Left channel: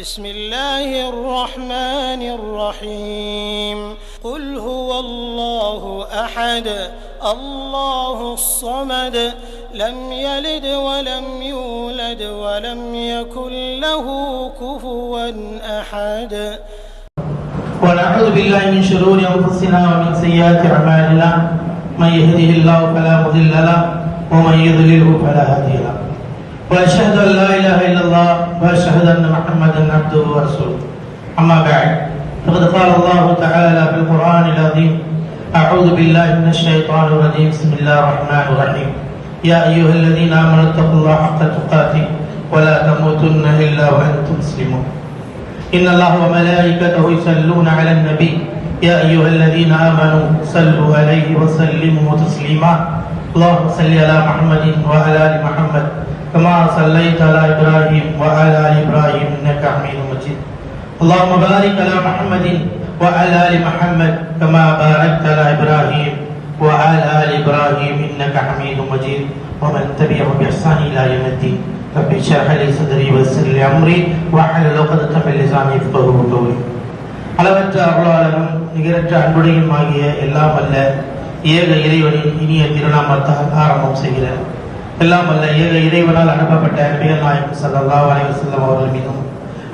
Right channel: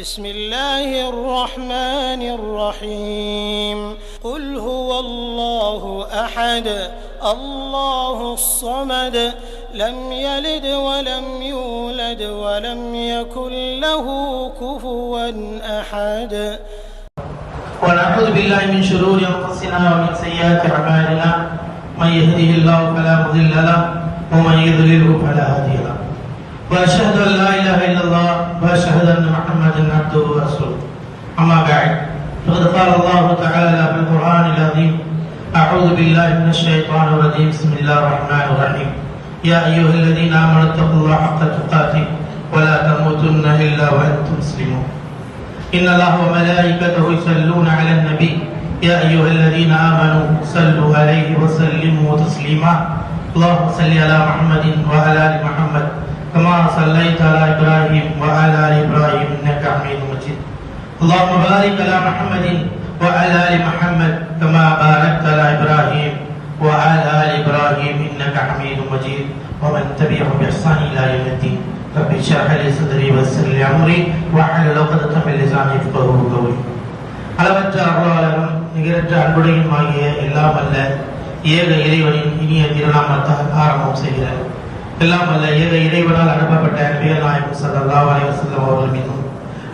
بسم الله الرحمن الرحيم قل هو الله أحد الله الصمد لم يلد ولم يولد ولم يكن له كفوا أحد ونعوذ بالله من شرور أنفسنا ومن سيئات أعمالنا من يهده الله فلا مضل له ومن يضلله فلا هادي له وأشهد أن لا إله إلا الله وأشهد أن محمدا عبده ورسوله أما بعد فقد قال الله تعالى في القرآن العظيم أعوذ بالله من الشيطان الرجيم بسم الله الرحمن الرحيم يا أيها الذين آمنوا اتقوا الله حق تقاته ولا تموتن إلا وأنتم مسلمون إن الله وملائكته يصلون على النبي يا أيها الذين آمنوا صلوا عليه وسلموا تسليما اللهم صل على محمد وعلى آل محمد كما صليت على إبراهيم وعلى آل إبراهيم إنك حميد مجيد اللهم بارك على محمد وعلى آل محمد كما باركت على إبراهيم وعلى آل إبراهيم إنك حميد مجيد ومن تبعهم بإحسان إلى يوم الدين رب اشرح لي صدري ويسر لي أمري واحلل عقدة من لساني يفقهوا قولي அளவற்ற அருளாளரும் நிகரற்ற அன்புடையும் ஆகிய எல்லாம் வல்ல ஏக இறைவனின் இனிய திருநாமத்தால் ஆரம்பம் செய்கிறார். எல்லாம் வல்ல ஏக இறைவனால் அனுப்பப்பட்ட நாயகம் ஸல்லல்லாஹு அலைஹி வஸல்லம் அவர்கள் மீதும்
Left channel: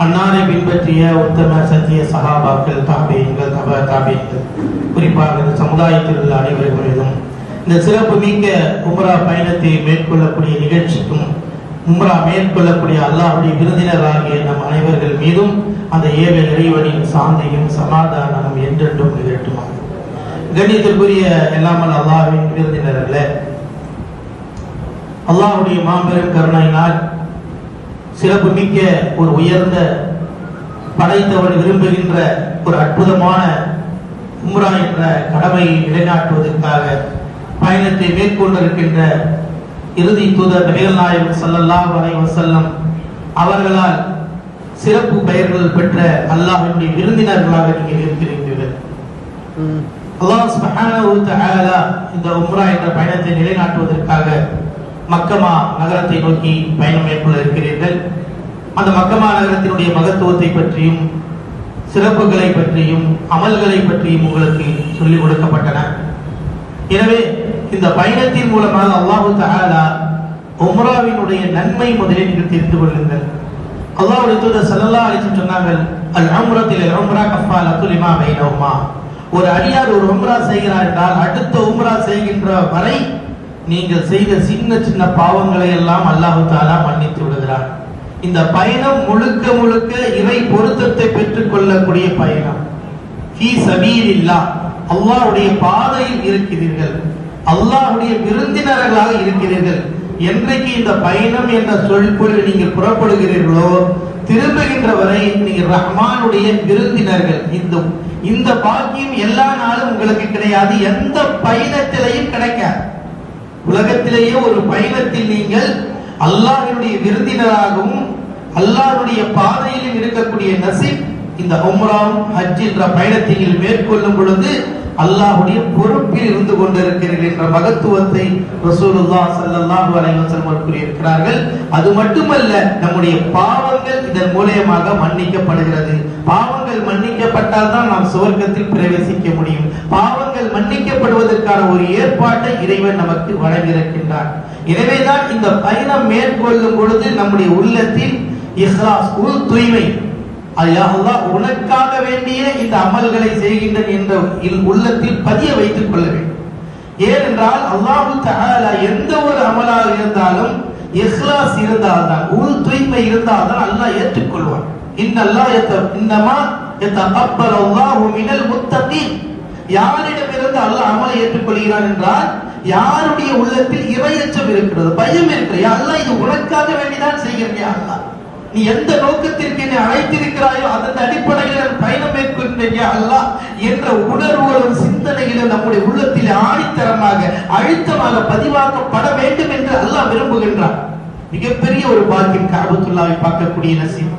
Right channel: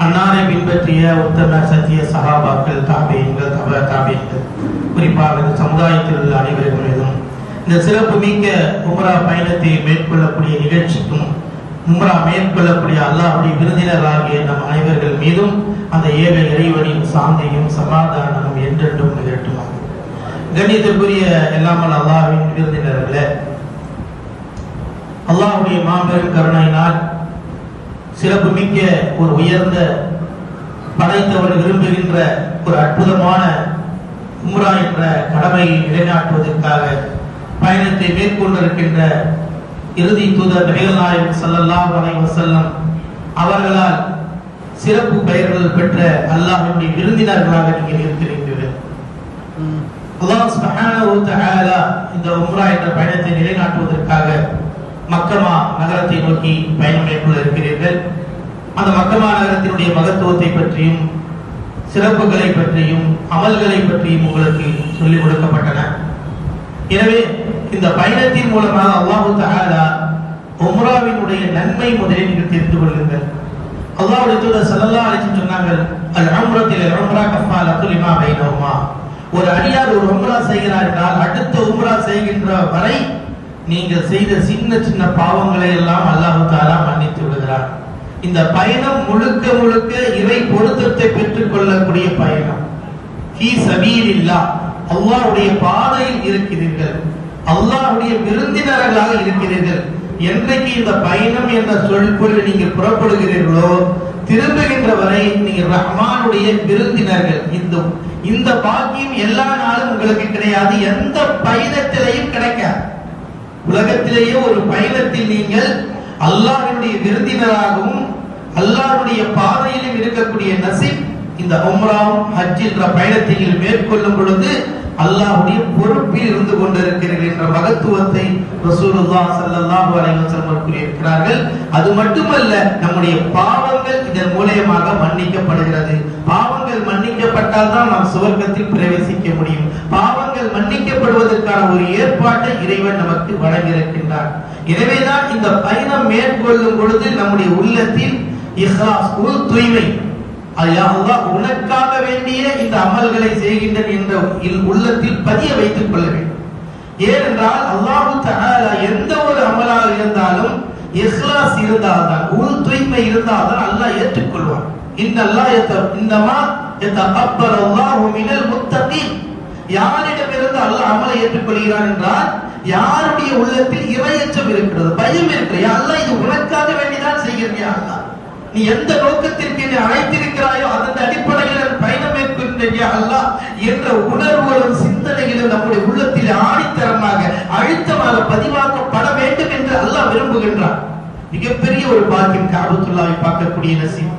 அன்னாரை பின்பற்றிய உத்தம சத்திய சஹாபாக்கள் தாபியீன்கள் தாபியீன்கள் குறிப்பாக இந்த சமுதாயத்தில் உள்ள அனைவர்கள் மீதும் இந்த சிறப்பு மிக்க உம்ரா பயணத்தை மேற்கொள்ளக்கூடிய நிகழ்ச்சிக்கும் உம்ரா மேற்கொள்ளக்கூடிய அல்லாஹ்வுடைய விருந்தினர்களாகிய நம் அனைவர்கள் மீதும் அந்த ஏக இறைவனின் சாந்தியும் சமாதானமும் என்றென்றும் நிகழட்டுமா. கண்ணியத்திற்குரிய எல்லாமல் அல்லாஹ்வின் விருந்தினர்களே, அல்லாஹ்வுடைய மாபெரும் கருணையினால் சிறப்பு மிக்க ஒரு உயர்ந்த படைத்தவர் விரும்புகின்ற ஒரு அற்புதமான உம்ரா என்ற கடமையை நிலைநாட்டுவதற்காக பயணத்தை மேற்கொண்டிருக்கின்ற இறுதி தூதர் நபிகள் நாயகம் ஸல்லல்லாஹு அலைஹி வஸல்லம் அவர்களால் சிறப்பு பெயர்கள் பெற்ற அல்லாஹ்வுடைய விருந்தினர்களாக நீங்கள் இருக்கிறீர்கள். அல்லாஹ் சுப்ஹானஹு வ தஆலா இந்த உம்ரா என்ற பயணத்தை நிலைநாட்டுவதற்காக மக்கமா நகரத்தை நோக்கி பயணம் மேற்கொள்ள இருக்கிறீர்கள். அந்த மக்கமா நகரத்தினுடைய மகத்துவத்தை பற்றியும் சிறப்புகளை பற்றியும் அமல்களை பற்றியும் உங்களுக்கு சொல்லிக் கொடுக்கப்பட்டன. எனவே இந்த பயணத்தின் மூலமாக அல்லாஹ் தஆலா உம்ராவினுடைய நன்மை முதலில் நீங்கள் தெரிந்து கொள்ளுங்கள். அல்லாஹ்வுடைய தூதர் ஸல்லல்லாஹு அலைஹி வஸல்லம் சொன்னார்கள், அல் உம்ரத்தில் உம்ரா கஃபாலத்து லிமா பைனஹுமா. ஒரு அடியார் ஒரு உம்ரா செய்கிறார் என்றால் அடுத்த உம்ரா செய்கின்ற வரை நீங்கள் செய்த சின்ன சின்ன பாவங்களை எல்லாம் அல்லாஹ் தஆலா மன்னித்து விடுகிறார். இந்த பயணம் முழுக்க முழுக்க இறை பொருத்தத்தை பெற்றுக் கொள்ளக்கூடிய பயணம். ஃபீ சபீலில்லாஹ், அல்லாஹ்வுடைய பாதையில் இருக்கிறீர்கள், அல்லாஹ்வுடைய விருந்தினர்களாக இருக்கிறீர்கள். என்றைக்கு இந்த பயணம் என்ற சொல்பொருள் நீங்கள் புறப்படுகிறீர்களோ திரும்புகின்ற வரை நீங்கள் ரஹ்மானுடைய விருந்தினர்கள். இந்த பாக்கியம் எல்லா நாளும் உங்களுக்கு கிடையாது, எந்த பயணத்திலையும் கிடைக்காது. உலகத்திலேயே ஒரு பயணத்தில் நீங்கள் அல்லாஹ்வுடைய விருந்தினராகவும் அல்லாஹ்வுடைய பாதையிலும் இருக்கக்கூடிய நசீப் இந்த உம்ராவும் ஹஜ் என்ற பயணத்தை மேற்கொள்ளும் பொழுது அல்லாஹ்வுடைய பொறுப்பில் இருந்து கொண்டிருக்கிறீர்கள் என்ற மகத்துவத்தை ரசூலுல்லாஹ் ஸல்லல்லாஹு அலைஹி வஸல்லம் கூறியிருக்கிறார்கள். அது மட்டுமல்ல, நம்முடைய பாவங்கள் இதன் மூலமாக மன்னிக்கப்படுகிறது. பாவங்கள் மன்னிக்கப்பட்டால் தான் நாம் சுவர்க்கத்தில் பிரவேசிக்க முடியும். பாவங்கள் மன்னிக்கப்படுவதற்கான ஒரு ஏற்பாட்டை இறைவன் நமக்கு வழங்கியிருக்கின்றார். எனவேதான் இந்த பயணம் மேற்கொள்ளும் பொழுது நம்முடைய உள்ளத்தில் இஹ்லாஸ், தூய்மை, அல்லாஹ் உனக்காக வேண்டிய இந்த அமல்களை செய்கின்றன என்ற உள்ளத்தில் பதிய வைத்துக் கொள்ள வேண்டும். ஏனென்றால் அல்லாஹ் தஆலா எந்த ஒரு அமலாக இருந்தாலும் இஹ்லாஸ் இருந்தால்தான், தூய்மை இருந்தால்தான் அல்லாஹ் ஏற்றுக்கொள்வார். இன்னமா யதகப்பரு அல்லாஹு மினல் முத்தகீன். யாரிடமிருந்து அல்லாஹ் அமலை ஏற்றுக்கொள்கிறான் என்றால் யாருடைய உள்ளத்தில் இறையச்சம் இருக்கிறது, பயம் இருக்கிறது. யா அல்லாஹ், இது உனக்காக வேண்டிதான் செய்கிறேன். யா அல்லாஹ், நீ எந்த நோக்கத்திற்கு என்னை அழைத்திருக்கிறாயோ அதன் அடிப்படையில் பயணம் மேற்கொள்கிறேன் யா அல்லாஹ் என்ற உணர்வுகளும் சிந்தனைகளும் நம்முடைய உள்ளத்தில் ஆணித்தரமாக அழுத்தமாக பதிவாக்கப்பட வேண்டும் என்று அல்லாஹ் விரும்புகின்றார். மிகப்பெரிய ஒரு பாக்கியம் கஅபத்துல்லாஹை பார்க்கக்கூடிய நசீப்.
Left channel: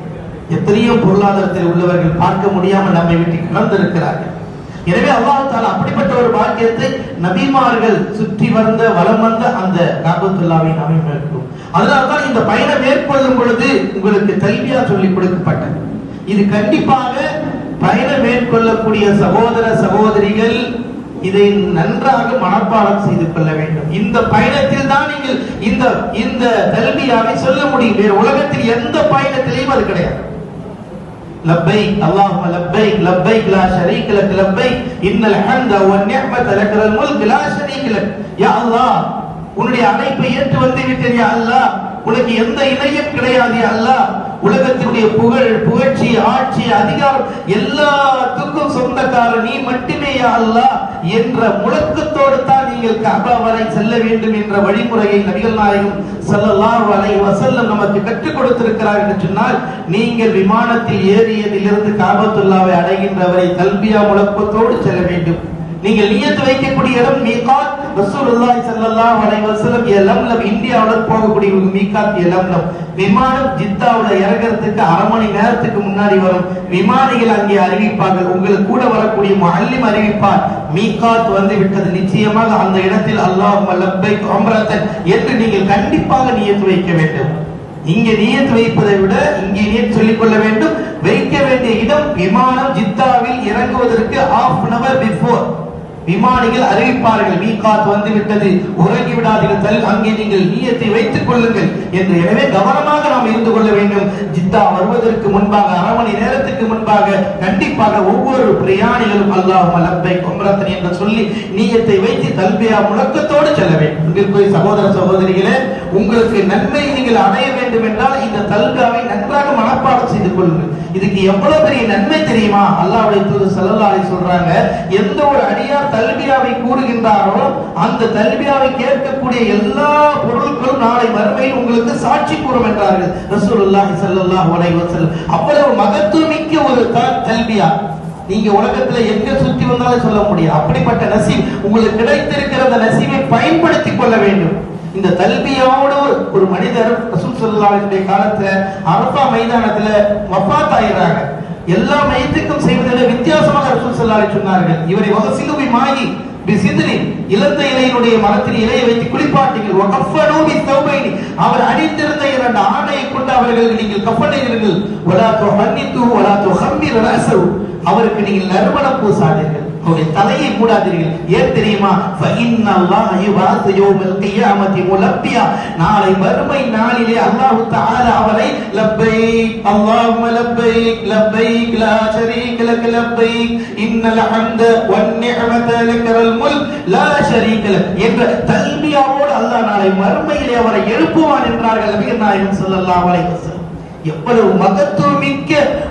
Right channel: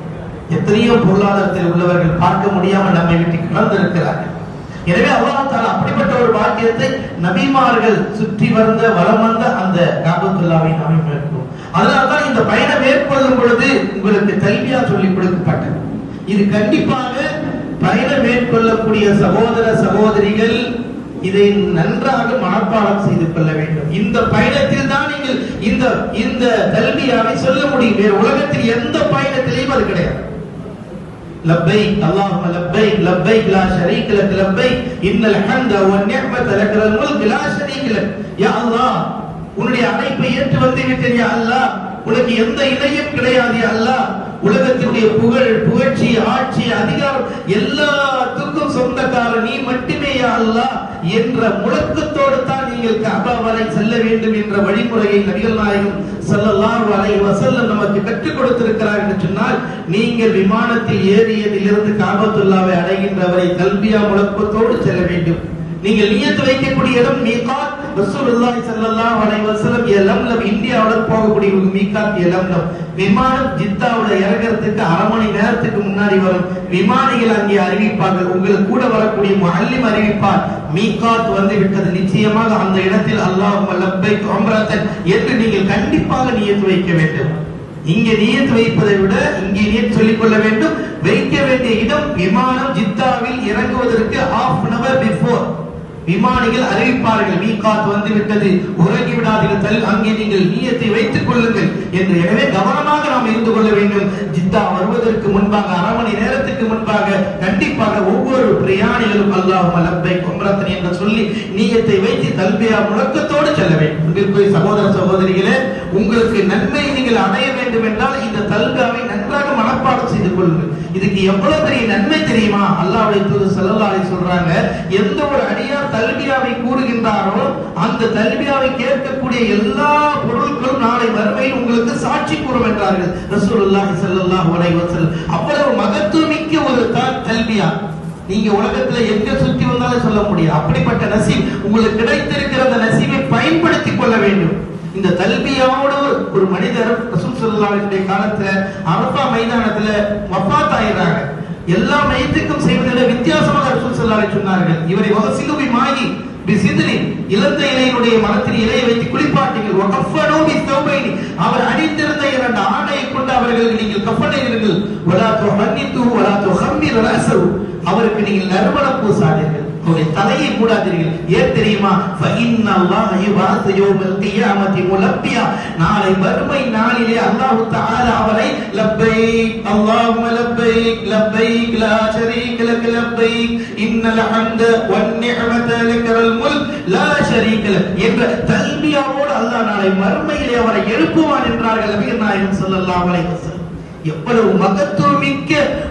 எத்தனையோ பொருளாதாரத்தில் உள்ளவர்கள் பார்க்க முடியாமல் நம்மை விட்டு கிடந்திருக்கிறார்கள். எனவே அல்லாஹ் தஆலா அப்படிப்பட்ட ஒரு பாக்கியத்தை நபிமார்கள் சுற்றி வந்த வலம் வந்த அந்த கஅபத்துல்லாஹ்வை நாம் மேற்கொள்ளும். அதனால்தான் இந்த பயணம் மேற்கொள்ளும் பொழுது உங்களுக்கு தல்பியா சொல்லிக் கொடுக்கப்பட்டது. இது கண்டிப்பாக பயணம் மேற்கொள்ளக்கூடிய சகோதர சகோதரிகள் இதை நன்றாக மனப்பாடம் செய்து கொள்ள வேண்டும். இந்த பயணத்தில் தான் நீங்கள் இந்த தல்பியாவை சொல்ல முடியும். வேறு உலகத்தில் எந்த பயணத்திலையும் அது கிடையாது. லப்பைக் அல்லாஹும்ம லப்பைக் லப்பைக் லா ஷரீக லக் லப்பைக் இன்னல் ஹம்த வன் நிஅமத லக்கல் முல்க் லா ஷரீக லக். யா அல்லாஹ், உன்னுடைய அழைப்பை ஏற்று வந்து விட்டேன் யா அல்லாஹ், உனக்கு எந்த இணையும் கிடையாது யா அல்லாஹ். உலகத்தினுடைய புகழ், புகழ்ச்சி, ஆட்சி, அதிகாரம் எல்லாத்துக்கும் சொந்தக்காரர் நீ மட்டுமே யா அல்லாஹ் என்ற முழக்கத்தோடு தான் நீங்கள் கஅபா வரை செல்ல வேண்டும் என்ற வழிமுறையை நபிகள் நாயகம் ஸல்லல்லாஹு அலைஹி வஸல்லம் நமக்கு கற்றுக் கொடுத்திருக்கிறார் என்று சொன்னால், நீங்கள் விமானத்தில் ஏறியதிலிருந்து கஅபத்துல்லாவை அடைகின்ற வரை தல்பியா முழக்கத்தோடு செல்ல வேண்டும். நீங்கள் நியத் வைக்கக்கூடிய இடம் மீகாத். ரசூலுல்லாஹி ஸல்லல்லாஹு அலைஹி வஸல்லம் யலம்லம், இந்தியாவுல போகக்கூடிய மீகாத் யலம்லம். விமானம் ஜித்தாவுல இறங்குறதுக்கு அரை மணி நேரத்துக்கு முன்னாடி வரும். விமானிகள் அங்கே அறிவிப்பார்கள், உங்களுக்கு கூட வரக்கூடிய முஅல்லிம் அறிவிப்பார், மீகாத் வந்து விட்டது, நிச்சயமாக அந்த இடத்தில் அல்லாஹும்ம லப்பைக் உம்ரத்தன் என்று நீங்கள் கண்டிப்பாக நியத் வைக்க வேண்டும். இங்கே நியத் வைப்பதை விட இங்கே நியத் சொல்லிக் கொள்ள வேண்டும். வைக்க வேண்டிய இடம் விமானம் ஜித்தாவில் இறங்குவதற்கு half an hour before விமானிகள் அறிவிப்பார்கள், மீகாத் வந்து விட்டது, உறங்கி விடாதீர்கள், அங்கே நீங்கள் நியத்தை வைத்துக் கொள்ளுங்கள் என்று. எனவே கவனமாக நாம் இருந்து கொள்ள வேண்டும். ஜித்தா வருவதற்கு முன்பாக அரை மணி நேரத்துக்கு முன்பாக கண்டிப்பாக ஒவ்வொரு பிரயாணிகளும் அல்லாஹும்ம லப்பைக் உம்ரத்தன் என்று சொல்லி நியத்தை வைத்து தல்பியா முழக்கத்தோடு செல்ல வேண்டும். அன்பிற்குரிய சகோதர சகோதரிகளே, உங்களுக்கு நன்மை நீங்கள் அடைய வேண்டும் என்றால் இந்த தல்பியாவை நன்றாக மனப்பாடம் செய்து கொள்ளுங்கள். இதுக்கு எவ்வளவு பெரிய நன்மை தெரியுமா? அல்லாஹ்வுடைய தூதர் ஸல்லல்லாஹு அலைஹி சொல்றாங்க, எந்த ஒரு அடியார் தல்பியாவை கூறுகின்றாரோ அந்த தல்பியாவை கேட்கக்கூடிய எல்லா பொருட்களும் நாளை மறுமையில் உங்களுக்கு சாட்சி கூறும் என்றார்கள் ரசூலுல்லாஹி ஸல்லல்லாஹு அலைஹி வஸல்லம். அவ்வளவு மகத்துவமிக்க ஒரு தல்பியா நீங்க உலகத்துல எங்க சுத்தி வந்தாலும் சொல்ல முடியும். அப்படிப்பட்ட நசீப் உங்களுக்கு கிடைத்திருக்கிற அந்த நசீபை பயன்படுத்திக் கொள்ள வேண்டும். இந்த தல்பியாவோட ஒரு மனிதர் ரசூல் ஸல்லல்லாஹு அலைஹி வஸல்லம் காலத்துல அரஃபா மைதானத்துல வஃபாத் ஆயிடுறாங்க. எல்லா மையத்துக்கும் செய்வதில் வித்தியாசமாக ரசூல் ஸல்லல்லாஹு அலைஹி வஸல்லம் சொன்னார்கள், இவரை வஸிலுபி மாயி பிசித்ரி, இலந்த இலையினுடைய மரத்தில் இலையை வைத்து குளிப்பாட்டுங்கள். வகஃபனு பித்தௌபைனி, அவர் அணிந்திருந்த இரண்டு ஆடையை கொண்டு அவர்களுக்கு நீங்கள் கப்பனையிடுங்கள். வலா துஹன்னிது வலா துஹம்மிர் ரஸஹு, அவருக்கு நீங்கள் நறுமணம் பூசாதீர்கள், அவருடைய தலையை மூடாதீர்கள். ஏன் தெரியுமா? ஃபஇன்னல்லாஹ யுபாஸு யௌமல் கியாமத்தி முலப்பியா, நாளை மறுமை நாளிலே அல்லாஹ் தஆலா அவரை லப்பைக் அல்லாஹும்ம லப்பைக் லப்பைக் லா ஷரீக லக் லப்பைக் இன்னல் ஹம்த வன் நிஅமத லக்கல் முல்க் லா ஷரீக லக் என்ற தல்பியாவோடு அல்லாஹ் நாளை மறுமையிலே அவரை எழுப்புவான் என்றார்கள் நபிகள் நாயகம் ஸல்லல்லாஹு அலைஹி வஸல்லம். எவ்வளவு மகத்துவமிக்க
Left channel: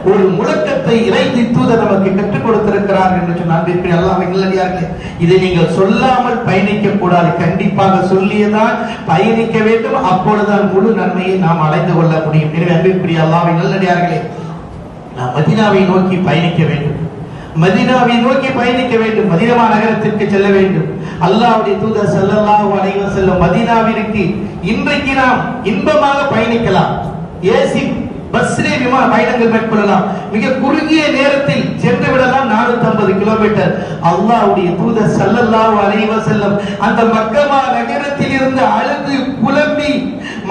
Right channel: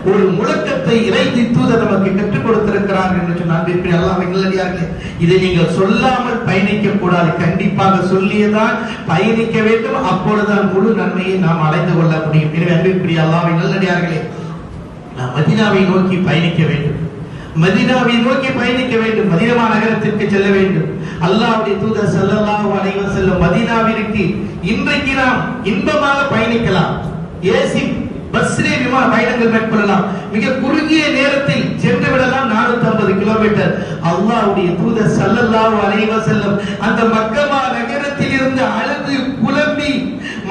ஒரு முழக்கத்தை இறைத்தி தூதர் நமக்கு கற்றுக் கொடுத்திருக்கிறார் என்று சொன்னால் அல்லாஹ்வின் நல்லடியார்களே, இதை நீங்கள் சொல்லாமல் பயணிக்க கூடாது. கண்டிப்பாக சொல்லியதான் பயணிக்க வேண்டும். அப்பொழுதுதான் முழு நன்மையை நாம் அடைந்து கொள்ள முடியும். எனவே அன்பிற்குரிய அல்லாஹ்வின் நல்லடியார்களே, நாம் மதீனாவை நோக்கி பயணிக்க வேண்டும். மதீனாவை நோக்கி பயணிக்க வேண்டும். மதீனா நகரத்திற்கு செல்ல வேண்டும். அல்லாஹ்வுடைய தூதர் ஸல்லல்லாஹு அலைஹி வஸல்லம் மதீனாவிற்கு இன்றைக்கு நாம் இன்பமாக பயணிக்கலாம். ஏசி பஸ்ஸிலே விமான பயணங்கள் மேற்கொள்ளலாம். மிக குறுகிய நேரத்தில் சென்று விடலாம். 450 கிலோமீட்டர். அல்லாஹ்வுடைய தூதர் ஸல்லல்லாஹு அலைஹி வஸல்லம் அந்த மக்கா நகரத்தில் இருந்து அழுது புலம்பி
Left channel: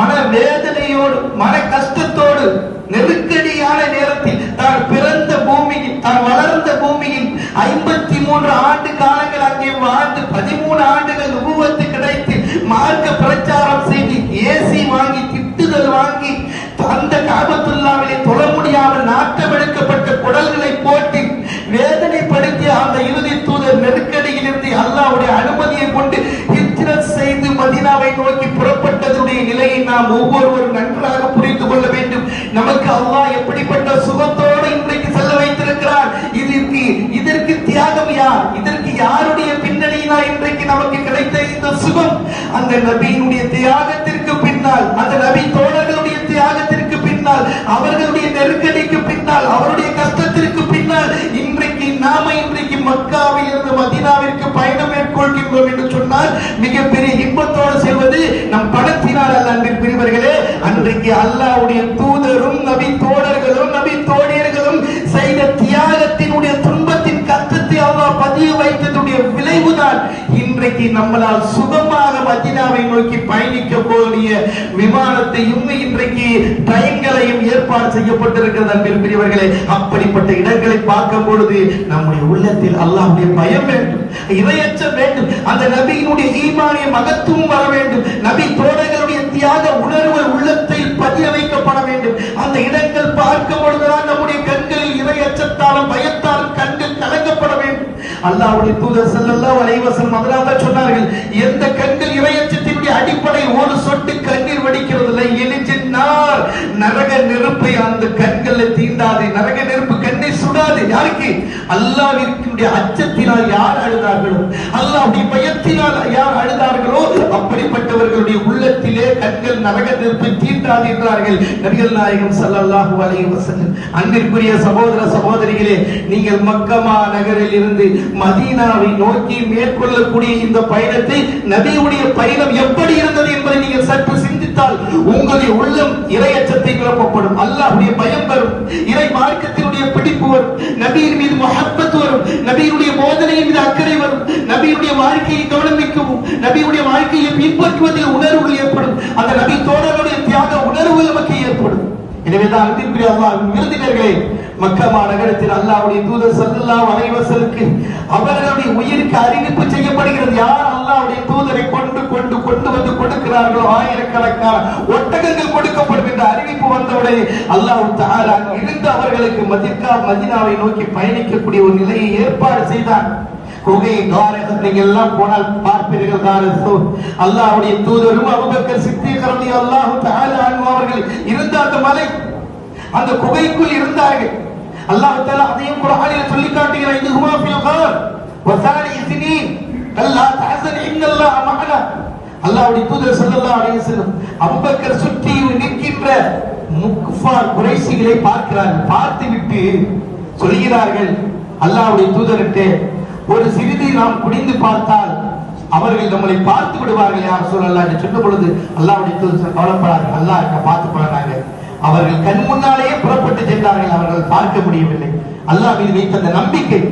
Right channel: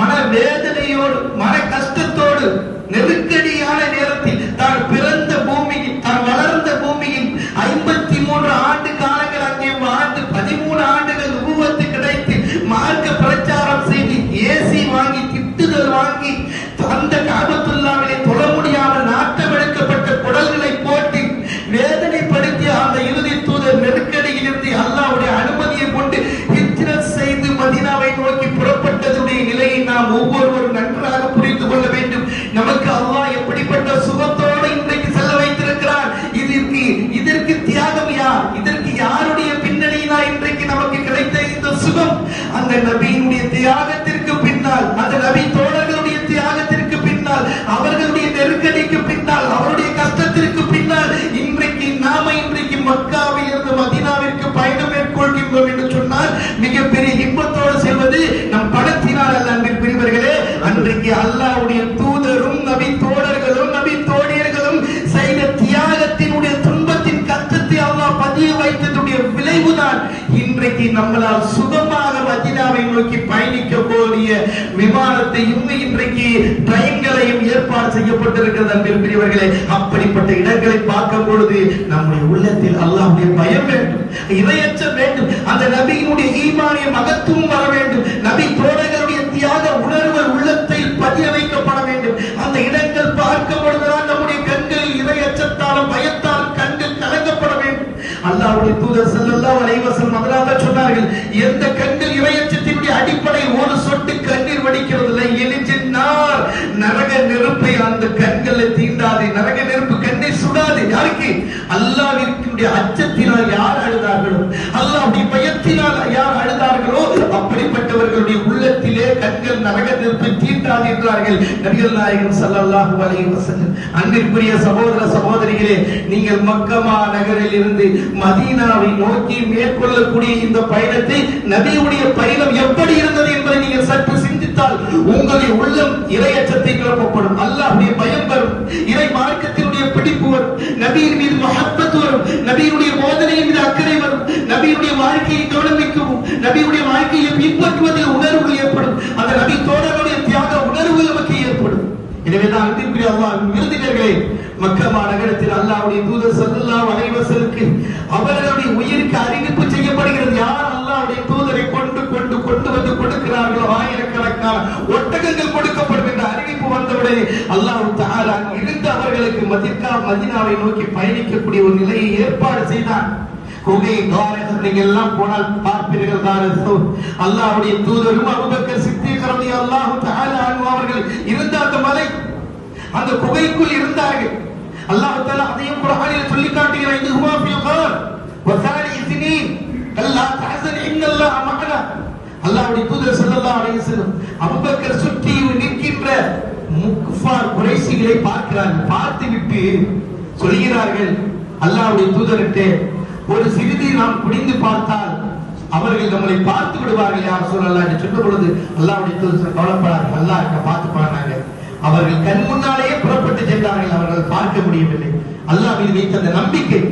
மன வேதனையோடு மன கஷ்டத்தோடு நெருக்கடியான நேரத்தில் தான் பிறந்த பூமியில் தான் வளர்ந்த பூமியில் 53 ஆண்டு காலங்கள் அங்கே வாழ்ந்து 13 ஆண்டுகள் நுபுவத்து கிடைத்து மார்க்க பிரச்சாரம் செய்து ஏசி வாங்கி திட்டுதல் வாங்கி அந்த கஅபத்துல்லாவிலே தொழ முடியாமல் நாட்டமெடுக்கப்பட்ட குடல்களை போட்டு வேதனைப்படுத்திய அந்த இறுதி தூதர் நெருக்கடியில் இருந்து அல்லாஹ்வுடைய அனுமதியை கொண்டு ஹிஜ்ரத் செய்து மதீனாவை நோக்கி புறப்பட்டதுடைய நிலையை நாம் ஒவ்வொருவரும் நன்றாக புரிந்து கொள்ள வேண்டும். நமக்கு அல்லாஹ் எப்படிப்பட்ட சுகத்தோடு இன்றைக்கு செல்ல வைத்திருக்கிறார். இதற்கு தியாகம் யார்? இதற்கு யாருடைய பின்னணியினா இன்றைக்கு நமக்கு கிடைத்த இந்த சுகம்? அந்த நபியினுடைய தியாகத்திற்கு பின்னால், அந்த நபி தோழர்களுடைய தியாகத்திற்கு பின்னால், அவர்களுடைய நெருக்கடிக்கு பின்னால், அவருடைய கஷ்டத்திற்கு பின்னால் இன்றைக்கு மக்காவில் இருந்து மதீனாவிற்கு பயணம் மேற்கொள்கின்றோம் என்று சொன்னால் மிகப்பெரிய இன்பத்தோடு செல்வது நம் பணத்தினால் அல்ல. அன்பிற்குரியவர்களே, அன்றைக்கு அல்லாஹ்வுடைய தூதரும் நபி தோழர்களும் நபி தோழியர்களும் செய்த தியாகத்தினுடைய துன்பத்தின் கஷ்டத்தை அல்லாஹ் பதிய வைத்ததுடைய விளைவுதான் இன்றைக்கு நம்மளால் சுகமாக மதீனாவை நோக்கி பயணிக்க போவது ஏற்பாடு செய்யப்பட்டிருக்கிறது. அன்பிற்குரியவர்களே, அப்படிப்பட்ட இடங்களை பார்க்கும் பொழுது நம்முடைய உள்ளத்தில் அல்லாஹ்வுடைய பயம் வேண்டும், இறையச்சம் வேண்டும், அந்த நபியினுடைய ஈமானிய மகத்துவம் வர வேண்டும், நபி தோழர்களுடைய தியாக உணர்வு உள்ளத்தில் பதிய வைக்கப்பட வேண்டும். அந்த இடங்கள் பார்க்கும் பொழுதுதான் நம்முடைய கண்களில் இறையச்சத்தாலும் பயத்தாலும் கண்கள் கலங்கப்பட வேண்டும். அல்லாஹ்வுடைய தூதர் ஸல்லல்லாஹு அலைஹி வஸல்லம் முதலாக சொன்னார்கள், எந்த கண்கள் இறையச்சத்தினுடைய அடிப்படையில் ஒரு சொட்டு கண்ணீர் வடிக்கிறதில்லை, எலிஜின்னார், நரக நெருப்பை அந்த கண்களை தீண்டாது, நரக நெருப்பு கண்ணை சுடாது. யாருக்கு? அல்லாஹ்வினுடைய அச்சத்தினால் யார் அழுதார்களோ, அல்லாஹ்வுடைய பயத்தினால் யார் அழுதார்களோ அப்படிப்பட்டவர்களுடைய உள்ளத்திலே கண்கள் நரக நெருப்பை தீண்டாது என்றார்கள் நபிகள் நாயகம் ஸல்லல்லாஹு அலைஹி வஸல்லம். அன்பிற்குரிய சகோதர சகோதரிகளே, நீங்கள் மக்கமா நகரில் இருந்து மதீனாவை நோக்கி மேற்கொள்ளக்கூடிய இந்த பயணத்தை, நபியுடைய பயணம் எப்படி இருந்தது என்பதை நீங்கள் சற்று சிந்தித்தால் உங்களுடைய உள்ளம் இறையச்சத்தை கிளப்பப்படும், அல்லாஹ்வுடைய பயம் வரும், இறை மார்க்கத்தினுடைய பிடிப்பு வரும், நபியின் மீது முஹப்பத் வரும், நபியுடைய போதனையின் மீது அக்கறை வரும், நபியுடைய வாழ்க்கையை கவனிக்கவும், நபியுடைய வாழ்க்கையை பின்பற்றுவதில் உணர்வு ஏற்படும், அந்த நபி தோழர்களுடைய தியாக உணர்வு நமக்கு ஏற்படும். எனவேதான் அன்பிற்குரிய அல்லாஹ்வின் விருந்தினர்களே, மக்கா நகரத்தில் அல்லாஹ்வுடைய தூதர் ஸல்லல்லாஹு அலைஹி வஸல்லுக்கு அவர்களுடைய உயிருக்கு அறிவிப்பு செய்யப்படுகிறது. யார் அல்லாஹ்வுடைய தூதரை கொண்டு வந்து கொடுக்கிறார்களோ ஆயிரக்கணக்கான ஒட்டகங்கள் கொடுக்கப்படும் என்ற அறிவிப்பு வந்தவுடனே அல்லாஹ் தஆலா இருந்து அவர்களுக்கு மதீனாவை நோக்கி பயணிக்கக்கூடிய ஒரு நிலையை ஏற்பாடு செய்தான். குகை காரகம் நீங்கள் எல்லாம் போனால் பார்ப்பீர்கள் தானே. அல்லாஹ்வுடைய தூதரும் அபூபக்கர் சித்தீக் ரலியல்லாஹு தஆலா அன்ஹு அவர்கள் இருந்த அந்த மலை, அந்த குகைக்குள் இருந்தார்கள். அல்லாஹ் தஆலா அதையும் குர்ஆனில் சொல்லி காட்டுகிறார், இது ஹுவா ஃபில் கார் வஸாலி இஸ்னீன் கல்லா தஹஸன் இன்னல்லாஹ மஅனா. அல்லாஹ்வுடைய தூதர் ஸல்லல்லாஹு அலைஹி வஸல்லம் அபூபக்கர் சுற்றி நிற்கின்ற முக்ஃபார் குறைஷிகளை பார்க்கிறார்கள். பார்த்துவிட்டு சொல்கிறார்கள் அல்லாஹ்வுடைய தூதர்கிட்ட, ஒரு சிறிது நாம் குடிந்து பார்த்தால் அவர்கள் நம்மளை பார்த்து விடுவார்கள் யார் ரசூலல்லாஹ் என்று சொன்ன பொழுது அல்லாஹ்வுடைய தூதர் கவலைப்படார்கள், அல்லாஹ் கிட்ட பார்த்து போனாங்க. அவர்கள் கண் முன்னாலேயே புறப்பட்டு சென்றார்கள், அவர்கள் பார்க்க முடியவில்லை. அல்லாஹ் மீது வைத்த அந்த நம்பிக்கை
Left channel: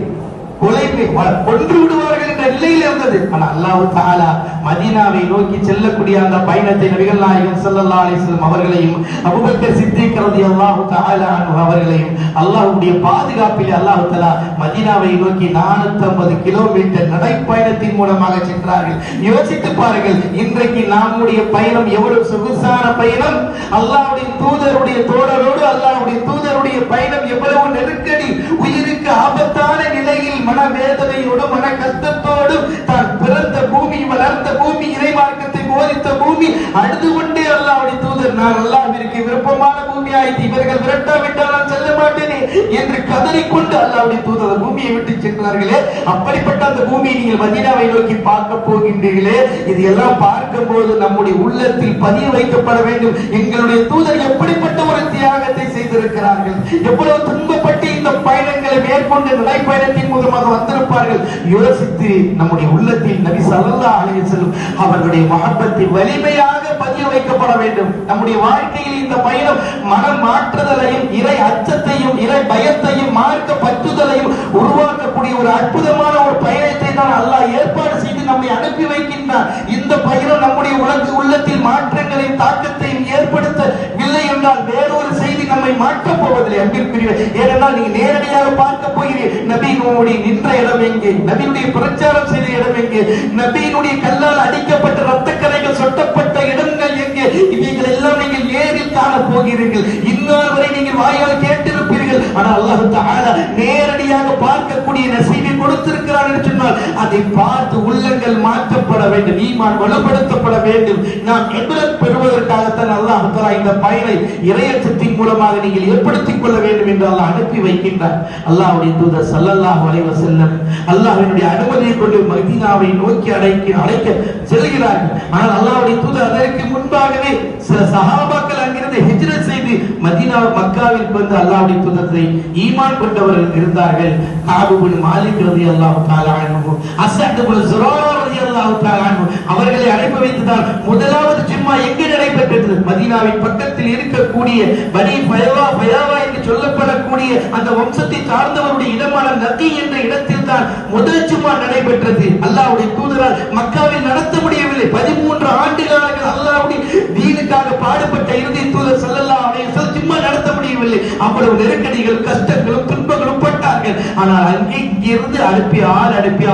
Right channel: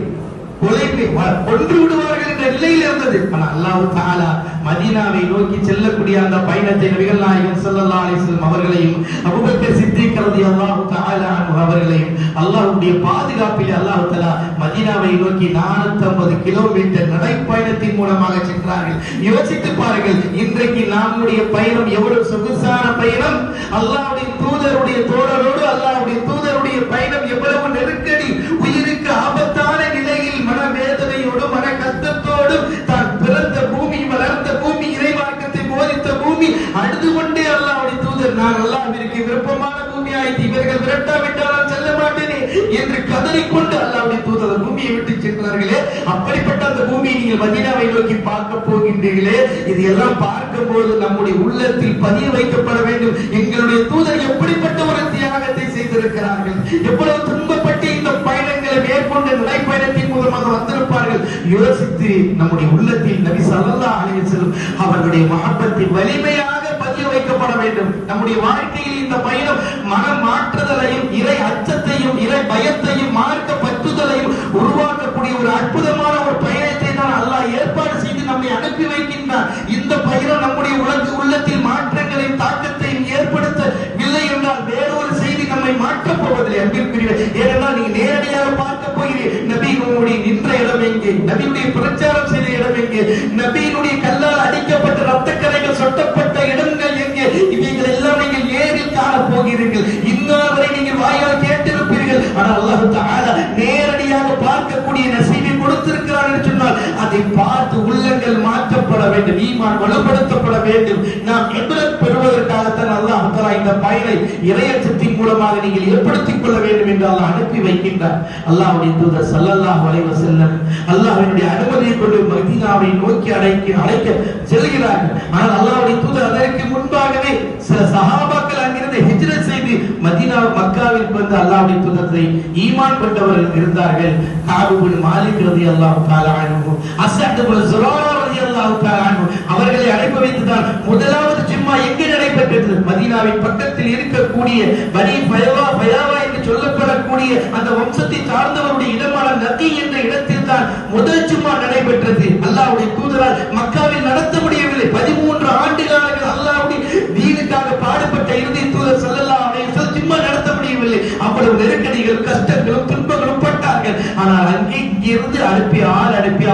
கொன்று விடுவார்கள் என்ற நிலையில் இருந்தது. ஆனால் அல்லாஹ் தஆலா மதீனாவை நோக்கி செல்லக்கூடிய அந்த பயணத்தை நபிகள் நாயகம் ஸல்லல்லாஹு அலைஹி வஸல்லம் அவர்களையும் அபூபக்கர் சித்தீக் ரலியல்லாஹு தஆலா அன்ஹு அவர்களையும் அல்லாஹ்வுடைய பாதுகாப்பில் அல்லாஹ் தஆலா மதீனாவை நோக்கி 450 கிலோமீட்டர் நடைப்பயணத்தின் மூலமாக சென்றார்கள். யோசித்து பாருங்கள், இன்றைக்கு நம்முடைய பயணம் எவ்வளவு சொகுசான பயணம்! அல்லாஹ்வுடைய தூதருடைய தோழரோடு அல்லாஹ்வுடைய தூதருடைய பயணம் எவ்வளவு நெருக்கடி, உயிருக்கு ஆபத்தான நிலையில் மனவேதனையோடு மன கஷ்டத்தோடு தான் பிறந்த பூமி, வளர்ந்த பூமி, இறை மார்க்கத்தை போதித்த பூமி, அழுது கொண்டே அல்லாஹ்வுடைய தூதர், நான் அல்லாஹ்விற்கு விருப்பமான பூமி ஆயிற்று, இவர்கள் விரட்டாவிட்டால் நான் செல்ல மாட்டேனே என்று கதறிக்கொண்டு அல்லாஹ்வுடைய தூதர் பூமியை விட்டு சென்றார்களே. அப்படிப்பட்ட அந்த பூமியை நீங்கள் மதீனாவை நோக்கி பார்க்க போகின்றீர்களே, இது எல்லாம் பார்க்கும் போது நம்முடைய உள்ளத்தில் பதிய வைக்கப்பட வேண்டும், எங்களுடைய தூதர் எப்படிப்பட்ட ஒரு தியாகத்தை செய்திருக்கிறார்கள், எவ்வளவு துன்பப்பட்டு இந்த பயணங்களை மேற்கொண்டு நடைப்பயணத்தின் மூலமாக வந்திருப்பார்கள். யோசித்து நம்முடைய உள்ளத்தில் நபி ஸல்லல்லாஹு அலைஹி வஸல்லம் அவர்களுடைய மஹப்பத்தை வலிமையாக பதிய வைக்கப்பட வேண்டும். நம்முடைய வாழ்க்கையில் இந்த பயணம் மனம் மாற்றுதலையும் இறை அச்சத்தையும் இறை பயத்தையும் மார்க்க பற்றுதலையும் உருவாக்கக்கூடிய ஒரு அற்புதமான ஒரு பயணத்தை தான் அல்லாஹ் ஏற்பாடு செய்து நம்மை அனுப்பி வைக்கின்றார். இந்த பயணம் நம்முடைய உள்ளத்தில் மாற்றங்களையும் தாக்கத்தையும் ஏற்படுத்தவில்லை என்றால் வேறொரு செய்தி நம்மை மாற்றப் போவதில்லை. அன்பிற்குரிய, ஏனென்றால் நீங்க நேரடியாக பார்க்க போகிறீர்கள், நபியினுடைய நின்ற இடம் எங்கே, நபியுடைய பிரச்சாரம் செய்த இடம் எங்கே, நபியினுடைய கல்லால் அடிக்கப்பட்ட ரத்தக்கரைகள் சொட்டப்பட்ட இடங்கள் எங்கே, இவைகள் எல்லாம் நீங்கள் நேரில் காண போகிறீர்கள். இன்னார் வரை நீங்கள் வாயால் கேட்டிருப்பீர்கள், ஆனால் அல்லாஹ் தஆலா நேரடியாக பார்க்கக்கூடிய நசீபை கொடுத்திருக்கிறார் என்று சொன்னால் அதை பார்த்து உள்ளங்கள் மாற்றப்பட வேண்டும், ஈமான் வலுப்படுத்தப்பட வேண்டும். நாம் இப்ரத் பெறுவதற்காகத்தான் அல்லாஹ் தஆலா இந்த பயனை இறையச்சத்தின் மூலமாக நீங்கள் ஏற்படுத்திக் கொள்ள வேண்டும் என்று அல்லாஹ் அனுப்பி வைக்கின்றார். அல்லாஹ்வுடைய தூதர் ஸல்லல்லாஹு அலைஹி வஸல்லம் அல்லாஹ்வினுடைய அனுமதியை கொண்டு மதீனாவை நோக்கி அழைக்க செல்கிறார்கள். ஆனால் அல்லாஹ்வுடைய தூதர் அதற்கு முன்பாகவே சில சஹாபாக்கள் அங்கிருந்து ஹிஜ்ரத் செய்து மதீனா மக்காவிற்கு வந்து அல்லாஹ்வுடைய தூதரை ஈமான் கொண்டவர்கள் இருந்தார்கள். கஅப் இப்னு மாலிக் ரலியல்லாஹு தஆலா அன்ஹு, அஸ்அத் இப்னு ஸுராரா ரலியல்லாஹு தஆலா அன்ஹு அவர்களை அழைப்பு வைத்துதான் முதலாவது ஜும்மா எங்கே நடைபெற்றது? மதீனாவின் பக்கத்தில் இருக்கக்கூடிய பனி பயாவா என்று சொல்லப்படக்கூடிய அந்த வம்சத்தை சார்ந்தவருடைய இடமான நதி என்ற இடத்தில் தான் முதல் ஜும்மா நடைபெற்றது. அல்லாஹ்வுடைய தூதரால் மக்காவில் நடத்த முடியவில்லை. 13 ஆண்டு காலங்கள் அல்லாஹ்வுடைய தீனுக்காக பாடுபட்ட இறுதி தூதர் ஸல்லல்லாஹு அலைஹி வஸல்லம் ஜும்மா நடத்த முடியவில்லை. முடியவில்லை. அவ்வளவு நெருக்கடிகள், கஷ்டங்களும், துன்பங்களும் பட்டார்கள். ஆனால் அங்கே இருந்து அனுப்பி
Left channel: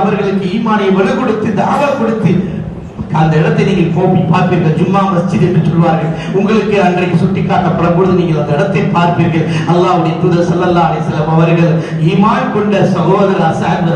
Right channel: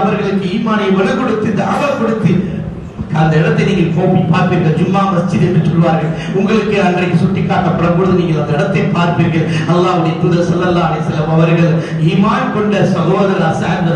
அவர்களுக்கு ஈமானை வலு கொடுத்து தாவா கொடுத்து அந்த இடத்தை நீங்கள் போய் பார்ப்பீர்கள். ஜும்மா மஸ்ஜித் என்று சொல்வார்கள். உங்களுக்கு அன்றைக்கு சுட்டிக்காட்டப்படும் பொழுது நீங்கள் அந்த இடத்தை பார்ப்பீர்கள். அல்லாஹ்வுடைய தூதர் ஸல்லல்லாஹு அலைஹி வஸல்லம் அவர்கள் ஈமான் கொண்ட சகோதரர் அஸாத்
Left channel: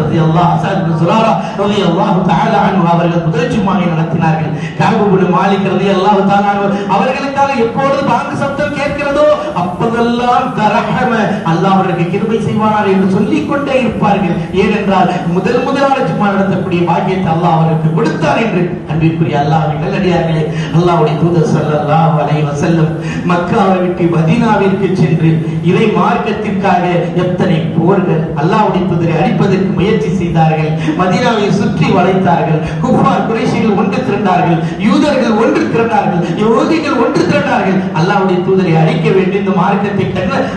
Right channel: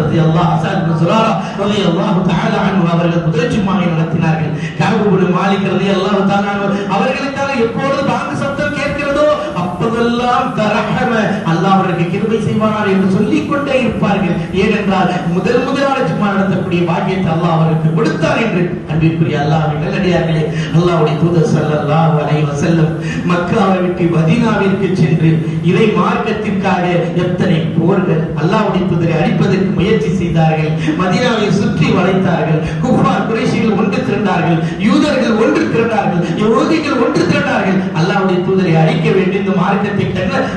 ரலியல்லாஹு தஆலா அன்ஹு அவர்கள் முதல் ஜும்மாவை நடத்தினார்கள். கஅப் இப்னு மாலிக் ரலியல்லாஹு தஆலா அவர்களுக்காக எப்பொழுது பாங்கு சப்தம் கேட்கிறதோ அப்போதெல்லாம் தரஹம அல்லாஹ் அவருக்கு கிருபை செய்வார் என்று சொல்லிக் கொண்டே இருப்பார்கள். ஏனென்றால் முதலாவது ஜும்மா நடத்தக்கூடிய பாக்கியத்தை அல்லாஹ் அவருக்கு கொடுத்தார் என்று. அன்பிற்குரிய அல்லாஹ்வின் நல்லடியார்களே, அல்லாஹ்வுடைய தூதர் ஸல்லல்லாஹு அலைஹி வஸல்லம் மக்காவை விட்டு மதீனாவிற்கு சென்று இறை மார்க்கத்திற்காக எத்தனை போர்கள், அல்லாஹ்வுடைய தூதரை அழிப்பதற்கு முயற்சி செய்தார்கள். மதீனாவை சுற்றி வளைத்தார்கள். குஃபார் குறைஷிகள் ஒன்று திரண்டார்கள், யூதர்கள் ஒன்று திரண்டார்கள், யஹூதிகள் ஒன்று திரண்டார்கள். அல்லாஹ்வுடைய தூதரை அழிக்க வேண்டும், இந்த மார்க்கத்தை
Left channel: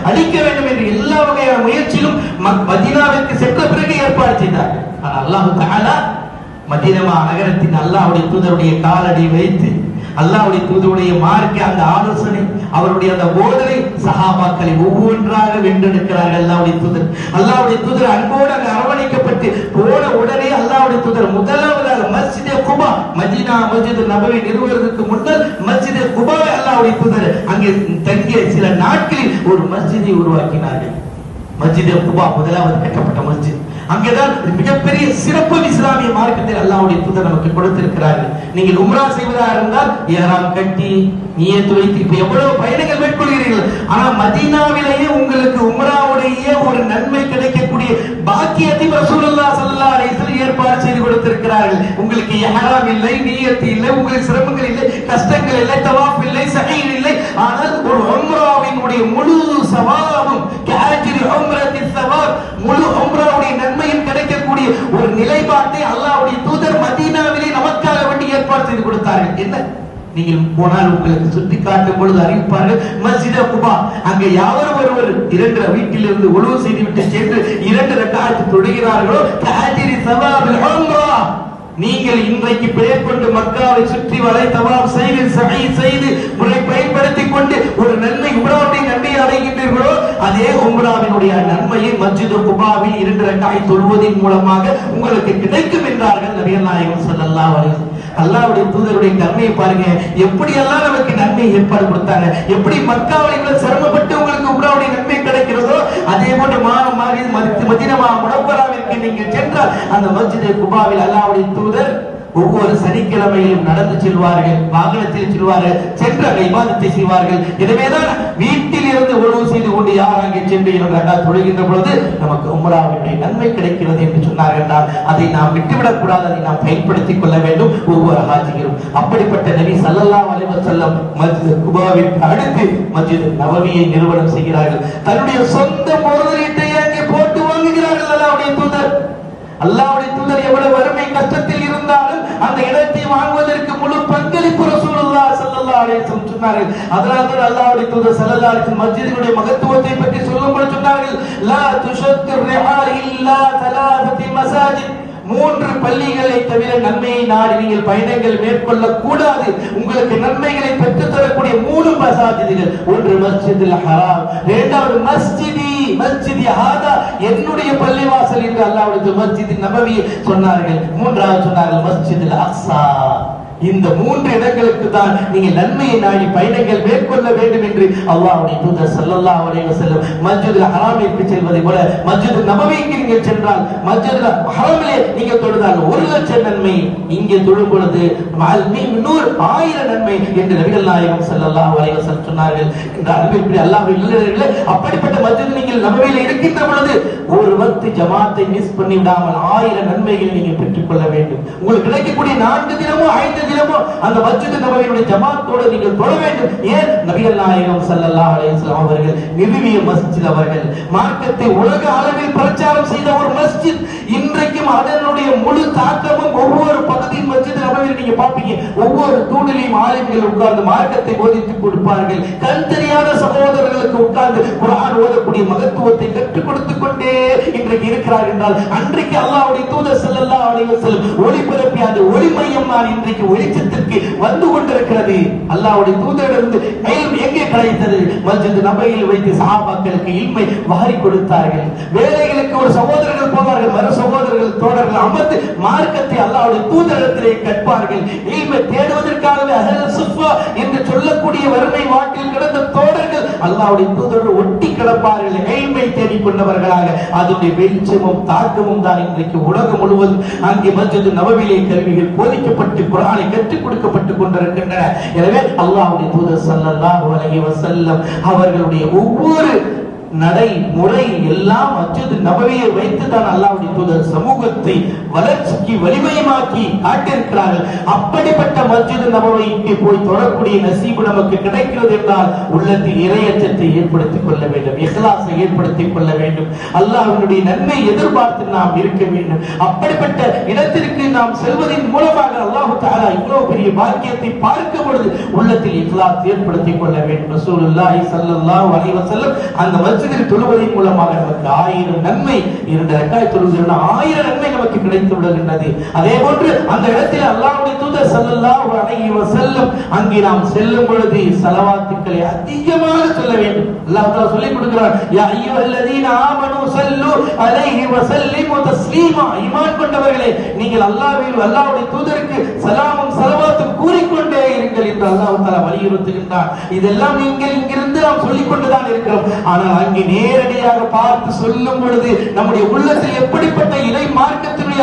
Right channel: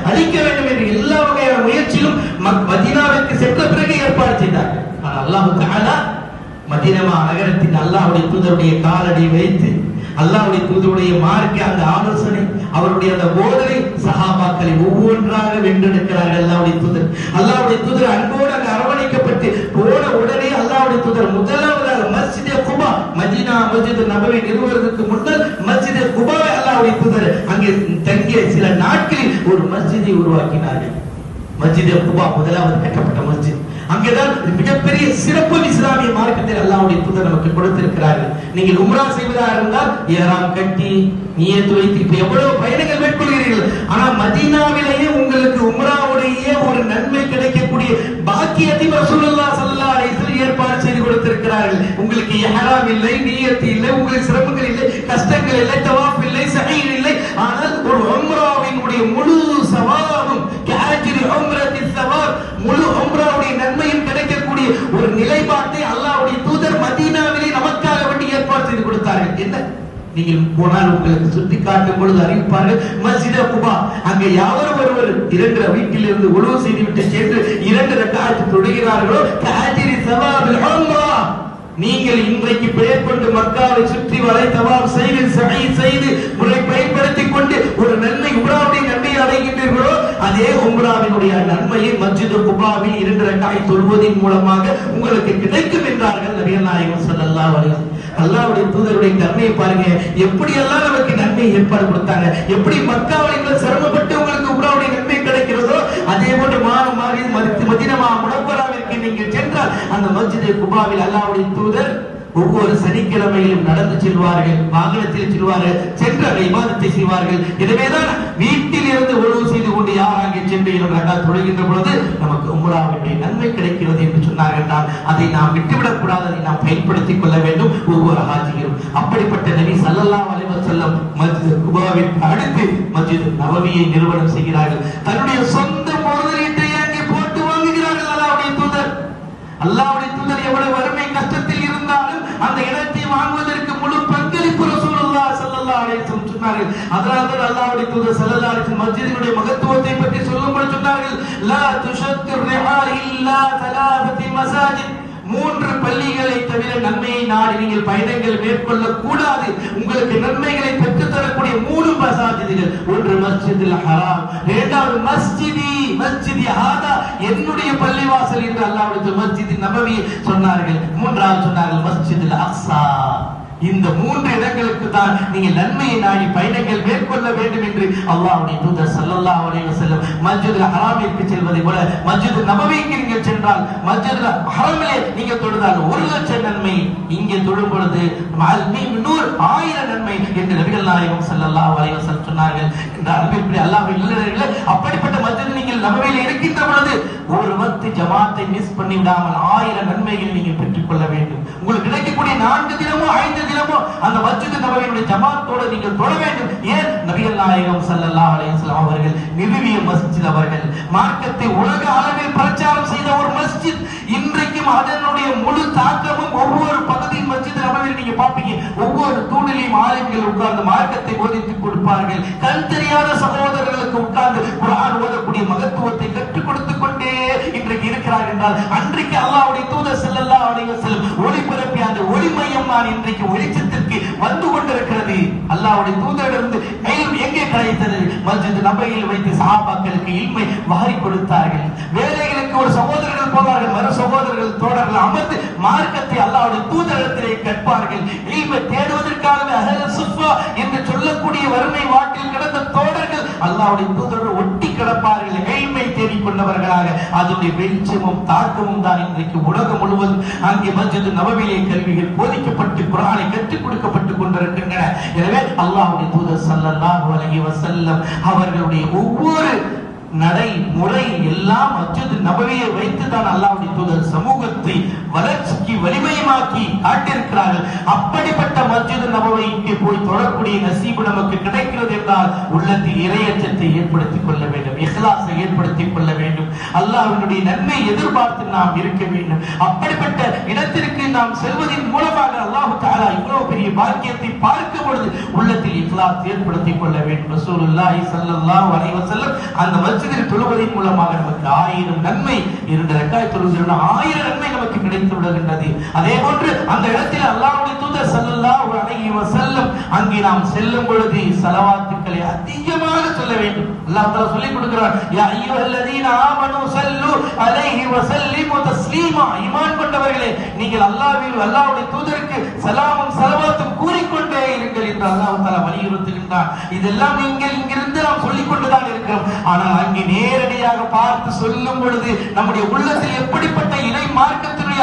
அழிக்க வேண்டும் என்று எல்லா வகையான முயற்சியிலும் மதீனாவிற்கு சென்ற பிறகு ஏற்பாடு செய்தார்கள். ஆனால் அல்லாஹ் தஆலா மதீனா நகரத்தின் அல்லாஹ்வுடைய தூதருடைய காலடி வைத்து அல்லாஹ்வுடைய தூதருடைய மார்க்க அந்த ஆலோசனை, அவருடைய அந்த போதனை சஹாபாக்களை ஒவ்வொன்றாக வென்றெடுக்கிறார்கள். அல்லாஹ்வுடைய தூதர் அன்போடு அங்கு அரவணைக்கப்பட்டு போன உடனே அல்லாஹ்வுடைய தூதர் முதலாவதாக மஸ்ஜிதே குபா, மதீனா மஸ்ஜித் நபவி நிறுவுவதற்கு முன்னர் மஸ்ஜிதே குபாவை அல்லாஹ்வுடைய தூதர் அங்கே தங்கிய சில நாட்களில் ஒரு மஸ்ஜிதை உருவாக்கினார்கள். மஸ்ஜிதே குபா முதலாவது கட்டப்பட்ட மஸ்ஜித். அங்கேதான் மிகப்பெரிய சிறப்பு இஸ்லாமிய மார்க்கத்தை அல்லாஹ்வுடைய தூதர் நமக்கு கொடுத்திருக்கிறார்கள். நீங்கள் உம்ரா செய்வதாக இருந்தால் இஹ்ராம் கட்டி நியத் வைத்து இப்ப எவ்வளவு பயணங்கள் மேற்கொள்கிறீர்கள். ஆனா மதீனாவிலேயே உங்களுக்கு உம்ராவுடைய ஒரு நன்மை கிடைக்கக்கூடிய பாக்கியத்தை ரசூலுல்லாஹ் ஸல்லல்லாஹு அலைஹி வஸல்லம் ஏற்பாடு செய்து கொடுத்திருக்கிறார்கள். உங்களுக்கு இஹ்ராம் இல்லை, நியத் இல்லை, உங்களுக்கு சிரமங்கள் இல்லை, கஷ்டங்கள் இல்லை, தவாஃப் இல்லை, சஹீ இல்லை. ஆனால் ஒரு உம்ராவினுடைய முழு சவாபும் கஅஜ்ரி உம்ரத்தின் சவாப், முழு உம்ராவுடைய நன்மையும் கிடைக்கக்கூடிய ஒரு நிலைப்பாட்டை அல்லாஹ்வுடைய தூதர் மதீனாவிலே நமக்காக வேண்டி ஏற்பாடு செய்து கொடுத்தார்கள். என்ன நீங்கள் போனால் உங்களுக்கு சுட்டி காட்டும் பொழுது அறிவிப்பார்கள், மஸ்ஜிதே குபா அங்கே யாரும் ஒருவர் இரண்டு வீட்டில் இருந்து உழுவு செய்துவிட்டு சென்று 2 ரக்அத் தொழுகிறார்களோ கஅஜ்ரி சவாபில் உம்ரா, நீங்கள் இன்றைக்கு பேர்கொண்டு மக்காவை சுற்றி வளை தவாப் செய்து சஹீ செய்து முறை பயன்படுத்திக் கொண்டு ஒரு நன்மை உம்ராவுடைய நன்மையை அடைகின்றீர்களோ அதே உம்ராவினுடைய நன்மையை மஸ்ஜிது குபாவில் 2 ரக்அத் தொழுவதன் மூலமாக உங்களுக்கு கிடைக்கும் என்றார்கள் நபிகள் நாயகம் ஸல்லல்லாஹு அலைஹி வஸல்லம். அல்லாஹ்வுடைய தூதருடைய கருணையை பாருங்க, எப்படி எல்லாம் நமக்கு நன்மை ஏற்பாடு கொடுத்தாங்க. எப்படி மக்காவில் சிரமப்பட்டு உங்களுக்கு உம்ராவுடைய நன்மை கிடைக்கிறதோ அதே போன்று மதீனா முனவ்வராவிற்கு நீங்கள் சென்றால் அந்த மஸ்ஜிதே குபாவில் அல்லாஹ்வுடைய தூதர் ஒவ்வொரு சனிக்கிழமையிலும் நடந்து செல்வார்கள், வாகனத்தில் செல்வார்கள், சென்று அந்த இபாதத்தை செய்வார்கள். எனவேதான் வீட்டில் இருந்து உழவு செய்து கொண்டு யார் அங்கே சென்று தொழுகின்ற பொழுது நமக்கு உம்ராவுடைய நன்மை கிடைக்கிறது என்று சொன்னார்கள். அதை நாம் விட்டுவிடக் கூடாது, அதை நாம் பயன்படுத்திக் கொள்ள வேண்டும் ஒவ்வொரு ஹாஜிகளும். அப்படிப்பட்ட நபி ஸல்லல்லாஹு அலைஹி வஸல்லம் மஸ்ஜித் குபாவிற்கு அடுத்து மஸ்ஜித் நபவியை நிறுவனம் செய்கிறார்கள். தன்னுடைய சொந்த முதலீட்டை அங்கே போட்டு வாங்குகிறார்கள் அல்லாஹ்வுடைய தூதர் எவ்வளவு வறுமை கஷ்டத்தில் இருந்தாலும் அந்த இடத்தை வாங்குவதற்கு முழு பங்களிப்பு ரசூலுல்லாஹ் ஸல்லல்லாஹு அலைஹி வஸல்லம் சொன்னார்கள். அதனால்தான் அல்லாஹ்வுடைய தூதர் ஸல்லல்லாஹு அலைஹி வஸல்லம் மஸ்ஜிதினுடைய மகத்துவத்தை பற்றி சொல்லும்போது சொன்னார்கள், லா துஷத்து ரிஹால் இல்லா தலாஃபதி மசாஜித், 3 பள்ளிகளை தவிர நன்மையை நாடி நீங்கள் பயணங்கள் மேற்கொள்ள கூடாது. உங்களுக்கு நன்மைகளை பெற்றுத் தரக்கூடிய 3 மசாஜிதுகள், ஒன்று மஸ்ஜிதுல் ஹராம், இரண்டாவது மஸ்ஜிதி ஹாதா என்னுடைய பள்ளிவாசல் என்று அல்லாஹ்வுடைய மஸ்ஜித் நபவி சொன்னார்கள். மூன்றாவது சொன்னார்கள் மஸ்ஜிதுல் அக்ஸா. இந்த 3 இடங்களுக்கு தான் நீங்கள் நன்மையை நாடி பயணங்கள் மேற்கொள்ள வேண்டும் என்று அல்லாஹ்வுடைய தூதர் ஸல்லல்லாஹு அலைஹி வஸல்லம் மஸ்ஜிதுல் ஹராமிற்கு செல்வதை போல மஸ்ஜித் நபவிக்கு நீங்கள் சென்றால் மஸ்ஜிதுல் ஹராமிலே நீங்கள் தொழுதால் 1,00,000 நன்மை, இங்கே தொழும் பொழுது 1000 நன்மை என்று நபிகள் நாயகம் ஸல்லல்லாஹு அலைஹி வஸல்லம் சொன்னார்கள். இந்த அன்பிற்குரிய அல்லாஹ்வின் இல்லறர்களே, அப்படிப்பட்ட மஸ்ஜித் நீங்கள் நபவியில் இருக்கின்ற பொழுது ஒரு வக்த் ஜமாத்தை மிஸ் பண்ணி விடாமல் 1000 நன்மைகளை நீங்கள் பெற்றுக்கொள்ள வேண்டும். உங்களுக்கு கிடைக்கக்கூடிய 4 தினமோ 5 தினமோ அந்த மஸ்ஜித் நபவியுடைய ஜமாத்தோடு நீங்கள் தொழ வேண்டும். ஏன் நபிகள் நாயகம் ஸல்லல்லாஹு அலைஹி வஸல்லம் அவர்கள் நிறுவிய மஸ்ஜித், அவர்கள் மார்க்கத்தை உலக அளவில் பிரச்சாரம் செய்த ஒரு மஸ்ஜித். இன்றைக்கும் அதனுடைய முழு தாக்கமும் ஒவ்வொரு பகுதியின் மஸ்ஜித் நபவியில் நீங்க பாப்பீங்க. ஒவ்வொரு தூணிலையும் ஆலிம்கள் உட்கார்ந்து மார்க்கத்தை போதித்துக் கொடுப்பார்கள். கண் தெரியாத சகோதரர்களுக்கு உட்கார்ந்து குர்ஆன் ஓதக்கூடிய மகத்துவத்தை கற்றுக் கொடுத்துக் கொண்டே இன்றைக்கு இருக்கிறார் என்றால் அன்றைக்கு அல்லாஹ்வுடைய தூதர் ஸல்லல்லாஹு அலைஹி வஸல்லம் ஒளிபரப்பிய அந்த ஒளிமயம் தான் இன்றைக்கு வெளிச்சத்திற்கு வந்து கொண்டிருக்கிறது. அல்லாஹ்வுடைய தூதரிடமிருந்து இல்ம் எங்கே கிடைத்தது? மஸ்ஜித் நபவியில் வைத்து சஹாபாக்களுக்கு இல்மை வாரி கொடுத்தார்கள். வேலைகளுக்கு ஒரு சகோதரர்கள் போவார்கள், மறு சகோதரர்கள் தோழர்கள் அமர்ந்து மார்க்கத்தை அல்லாஹ்வுடைய தூதரிடத்திலே கற்பார்கள். இல்மை தேடுவதற்காகவே அஹ்லுஸ் சுஃபா என்று சொல்லக்கூடிய வறுமை வாட்டில் கிடந்த தோழர்கள் அல்லாஹ்வுடைய தூதரோடு ஒட்டி கிடப்பார்கள். இல்மை தேடிக் கொண்டவர்களாக அதனுடைய வெளிச்சமும் தாக்கமும் தான் இன்றைக்கு உலகம் முழுவதும் அங்கே மஸ்ஜித் நபவியிலே கல்விகள் போதிக்கப்பட்டு குர்ஆனை கற்றுக் கொடுக்கப்பட்டுக் கொண்டிருக்கின்றன. எனவே அல்லாஹ்வுடைய தூதர் ஸல்லல்லாஹு அலைஹி வஸல்லம் அவர்களுடைய ஒவ்வொரு நடை முறை எல்லாம் மஸ்ஜித் நபவியை வைத்து தான் அல்லாஹ்வுடைய தூதர் சமூகத்தை வளர்ச்சிக்கு வலிமையமாக்கி காட்டியிருக்கிறார்கள். அப்படிப்பட்ட மஸ்ஜித் நபவிக்கு போய் தொழக்கூடிய நசீபு நமக்கு கிடைக்கிறது என்றால் உள்ளத்தில் இறையச்சத்தை ஏற்படுத்திக் கொள்ள வேண்டும், இஹ்லாஸை ஏற்படுத்திக் கொள்ள வேண்டும், அல்லாஹ்வுடைய நன்மை எதிர்பார்த்து நாம் இருக்க வேண்டும். அப்படிப்பட்ட இடத்திற்கு நாம் செல்வதன் மூலமாக அல்லாஹ் தஆலா இவ்வளவு பெரிய பாக்கியத்தை பார்க்கும் பொழுது உள்ளத்தில் இஹ்லாஸ் ஏற்படுத்திக் கொள்ள வேண்டும். ரசூலுல்லாஹி ஸல்லல்லாஹு அலைஹி வஸல்லம் அந்த மஸ்ஜிதில் தொழுவதன் மூலமாக நமக்கு 1000 நன்மை, 2 ரக்காத் தொழுகிறோம் 1000 நன்மை நமக்கு கிடைத்து விடுகின்றது. அதே போன்று அந்த இடத்தில் அல்லாஹ்வுடைய தூதர் ஸல்லல்லாஹு அலைஹி வஸல்லம் அங்கே நாம் செல்லும் பொழுது ஸலவாத்துக்களை அதிகமாக சொல்ல வேண்டும். அல்லாஹ் தஆலா சொல்லிக் கொடுக்கிறார், யா அய்யுஹல்லதீன ஆமனூ ஸல்லு அலைஹி வஸல்லிமு தஸ்லீமா. ஈமான் கொண்டவர்களே, நீங்கள் அல்லாஹ்வுடைய தூதருக்கு ஸலாமும் ஸலவாத்தும் கூறிக்கொண்டே இருங்கள் என்று அல்லாஹ் தஆலா வலியுறுத்துகின்றார். இதெல்லாம் நீங்கள் இங்கிருந்து நாம் சொல்லிக் கொண்டுதான் இருக்கிறோம். ஆனால் அங்கே நேரடியாக பார்த்து சொல்லும் பொழுது நம்முடைய உள்ளத்தில் எப்படிப்பட்ட இறை மார்க்கத்தினுடைய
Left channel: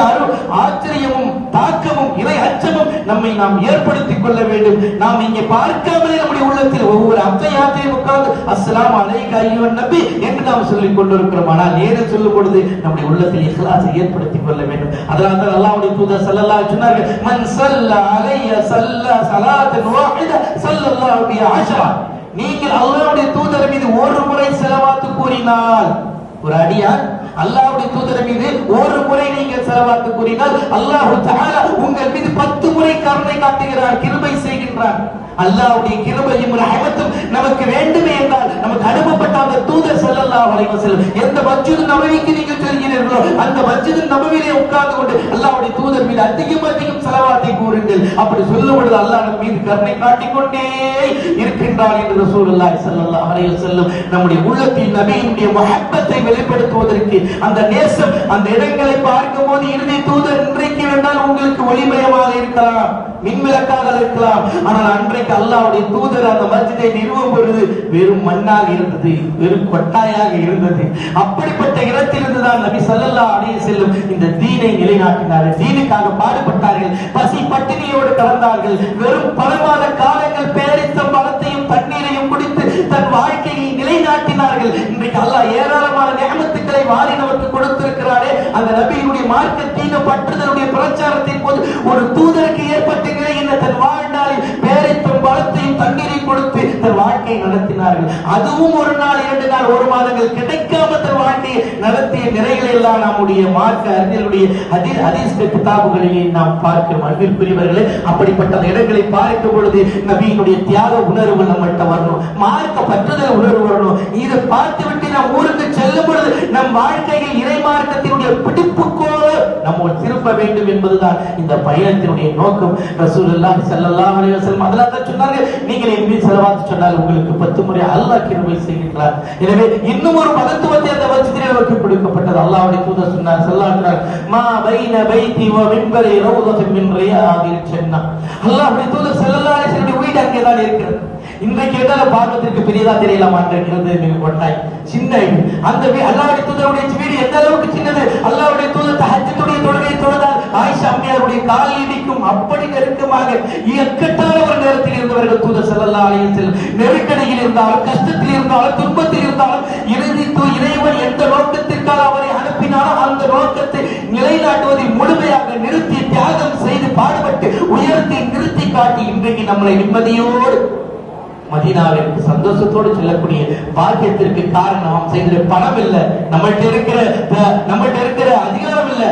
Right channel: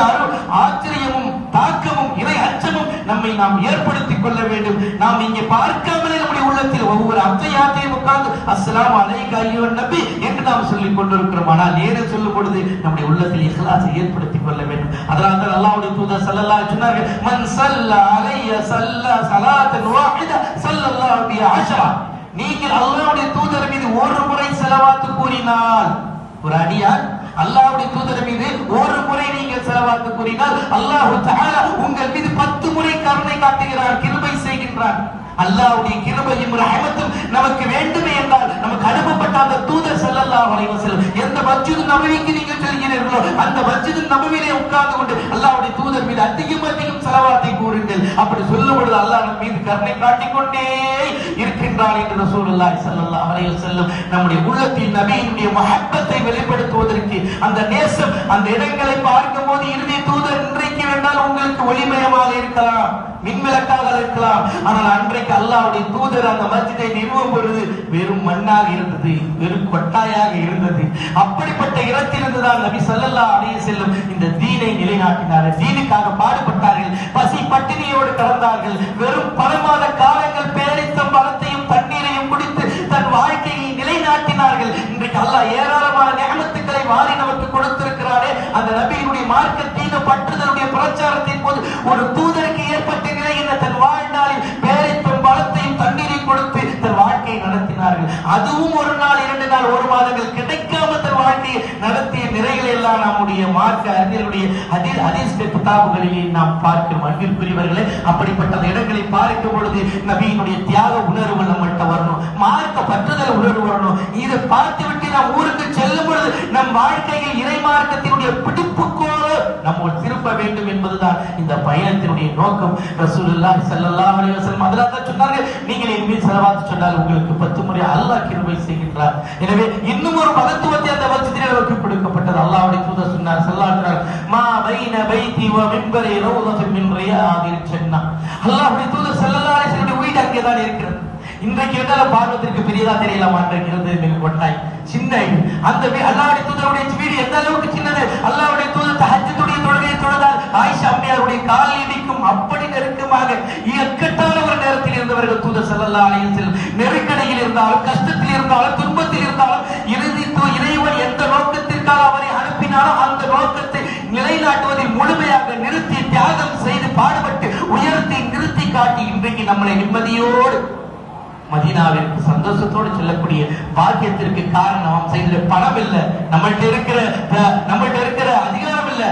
ஆச்சரியமும் தாக்கமும் இறை அச்சமும் நம்மை நாம் ஏற்படுத்திக் கொள்ள வேண்டும். நாம் இங்கே பார்க்காமலே நம்முடைய உள்ளத்தில் ஒவ்வொரு அத்தையாத்தையும் உட்கார்ந்து அஸ்ஸலாமு அலைக்க அய்யுஹன் நபி என்று நாம் சொல்லிக் கொண்டிருக்கிறோம். ஆனால் நேரே சொல்லும் பொழுது நம்முடைய உள்ளத்தில் இஹ்லாஸை ஏற்படுத்திக் கொள்ள வேண்டும். அதனால் தான் அல்லாஹ்வுடைய தூதர் ஸல்லல்லாஹு அலைஹி சொன்னார்கள், மன் ஸல்லா அலைய ஸல்லா ஸலாத்தன் வாஹித ஸல்லல்லாஹு பிஹி அஷ்ரா. நீங்கள் அல்லாஹ்வுடைய தூதர் மீது ஒரு முறை ஸலவாத் கூறினால், ஒரு அடியான் அல்லாஹ்வுடைய தூதர் மீது ஒரு முறை நீங்கள் ஸலவாத் கூறினால் அல்லாஹ் தஆலா உங்கள் மீது 10 முறை கருணை காட்டுகிறார், கிருபை செய்கின்றார். அல்லாஹ்வுடைய கிருபையும் ரஹமத்தும் நமக்கு வேண்டுமே என்றால் நமக்கு அனுப்பப்பட்ட அந்த தூதர் ஸல்லல்லாஹு அலைஹி வஸல்லம் எந்த மஸ்ஜித் நபவிக்கு நீங்கள் செல்கிறீர்களோ அந்த மஸ்ஜித் நபவியிலே உட்கார்ந்து கொண்டு அல்லாஹ்வுடைய தூதர் மீது அதிகம் ஸலவாத்தை கூறுங்கள். அப்படி சொல்லும் பொழுது அல்லாஹ் நம் மீது கருணை காட்டிக்கொண்டே இருக்கின்றார் என்று ரசூலுல்லாஹி ஸல்லல்லாஹு அலைஹி வஸல்லம் நம்முடைய உள்ளத்தில் நபியினுடைய முஹப்பத்தை வெளிப்படுத்துவதற்கு அந்த நேசம் அந்த இடங்களை பார்க்கும்போது இறுதி தூதர் இன்றைக்கு வேண்டால் உங்களுக்கு ஒளிமயமாக இருக்கலாம், மின்விளக்காக இருக்கலாம். ஆனால் அன்றைக்கு அல்லாஹ்வுடைய தூதர் அந்த மஸ்ஜிதை நிறுவும் பொழுது வெறும் மண்ணாக இருந்தது, வெறும் கொட்டாயாக இருந்தது. அப்படிப்பட்ட இடத்திலிருந்து தான் நபி ஸல்லல்லாஹு அலைஹி வஸல்லம் இந்த தீனை நிலைநாட்டினார்கள், தீனுக்காக பாடுபட்டார்கள், பசி பட்டினியோடு கலந்தார்கள். வெறும் பல மாத காலங்கள் பேரித்த பழத்தையும் தண்ணீரையும் குடித்து தன் வாழ்க்கையை நிலைநாட்டினார்கள். இன்றைக்கு அல்லாஹ் ஏராளமான நியமத்துக்களை வாரி நமக்கு கொடுத்திருக்கிறாரே. அந்த நபியினுடைய மார்க்கத்தீன பற்றுதலுடைய பிரச்சாரத்தின் போது ஒரு தூதருக்கு ஏற்பட்ட நிலை என்ன? தன் வாழ்நாளில் பேரித்த பழத்தையும் தண்ணீரையும் கொடுத்து தன் வாழ்க்கையை நடத்தினார்கள். அதுவும் ஒரு நாள், 2 நாள், 1 மாதங்கள் கிடைக்காம தன் வாழ்க்கையை நடத்திய நிறைகளை எல்லாம் நம்முடைய மார்க்க அறிஞருடைய ஹதீஸ் கிதாபுகளிலே நாம் பார்க்கிறோம். அன்பிற்குரியவர்களே, அப்படிப்பட்ட இடங்களை பார்க்கும் பொழுது நபியினுடைய தியாக உணர்வு நம்மகிட்ட வரணும், மார்க்க பற்றுதல் உணர்வு வரணும். இதை பார்த்துவிட்டு நம் ஊருக்கு செல்லும் பொழுது நம் வாழ்க்கையில் இறை மார்க்கத்தினுடைய பிடிப்புக்கோடு நம்ம திருப்ப வேண்டும் என்பதுதான் இந்த பயணத்தினுடைய நோக்கம். ரசூலுல்லாஹி ஸல்லல்லாஹு அலைஹி வஸல்லம் அதனால சொன்னாங்க, நீங்கள் என் மீது ஸலவாத் சொன்னால் உங்களுக்கு 10 முறை அல்லாஹ் கிருபை செய்கின்றார். எனவே இன்னும் ஒரு மகத்துவத்தை அந்த மஸ்ஜிதிலே நமக்கு கொடுக்கப்பட்டது. அல்லாஹ்வுடைய தூதர் சொன்னார் ஸல்லல்லாஹு அலைஹி வஸல்லம், மா பைன பைதி வ மின்பரி ரௌதத்துன் மின் ரியாதில் ஜன்னah. அல்லாஹ்வுடைய தூதர் ஸல்லல்லாஹு அலைஹி வஸல்லம் வீடு அங்கே தான் இருக்கிறது. இன்றைக்கு எதால பார்ப்பதற்கு பெரியதா தெரியலாமா? இருக்கிறது மிக கொட்டாய் சின்ன வீடு. அந்த அல்லாஹ்வுடைய தூதருடைய வீடு எந்த அளவுக்கு சின்னது! அல்லாஹ்வுடைய தூதர் தஹஜ்ஜுடைய தொழுகையை தொழுதார், ஆயிஷா அம்மையாருடைய கால் இடிக்கும் அப்படி நெருக்கமாக இக்கட்டான ஒரு நேரத்தில் இருந்தவர்கள் தூதர் ஸல்லல்லாஹு அலைஹி வஸல்லம். நெருக்கடியில் இருந்தாலும், கஷ்டத்தில் இருந்தாலும், துன்பத்தில் இருந்தாலும் இறைவன் எந்த நோக்கத்திற்காக அவரை அனுப்பினாலும் அந்த நோக்கத்தை நிலைநாட்டுவதை முழுமையாக நிறுத்தி தியாகம் செய்து பாடுபட்டு உயர்த்தி நிறுத்தி காட்டி இன்றைக்கு நம்மளை நிம்மதியோடு மதீனாவிற்கு சந்தோஷத்தோடு செல்லக்கூடிய பாக்கியத்திற்கு காரணம் நாம் செய்கிற பணம் இல்ல, நம்மள்ட்ட இருக்கிற அதிகாரம் இல்ல,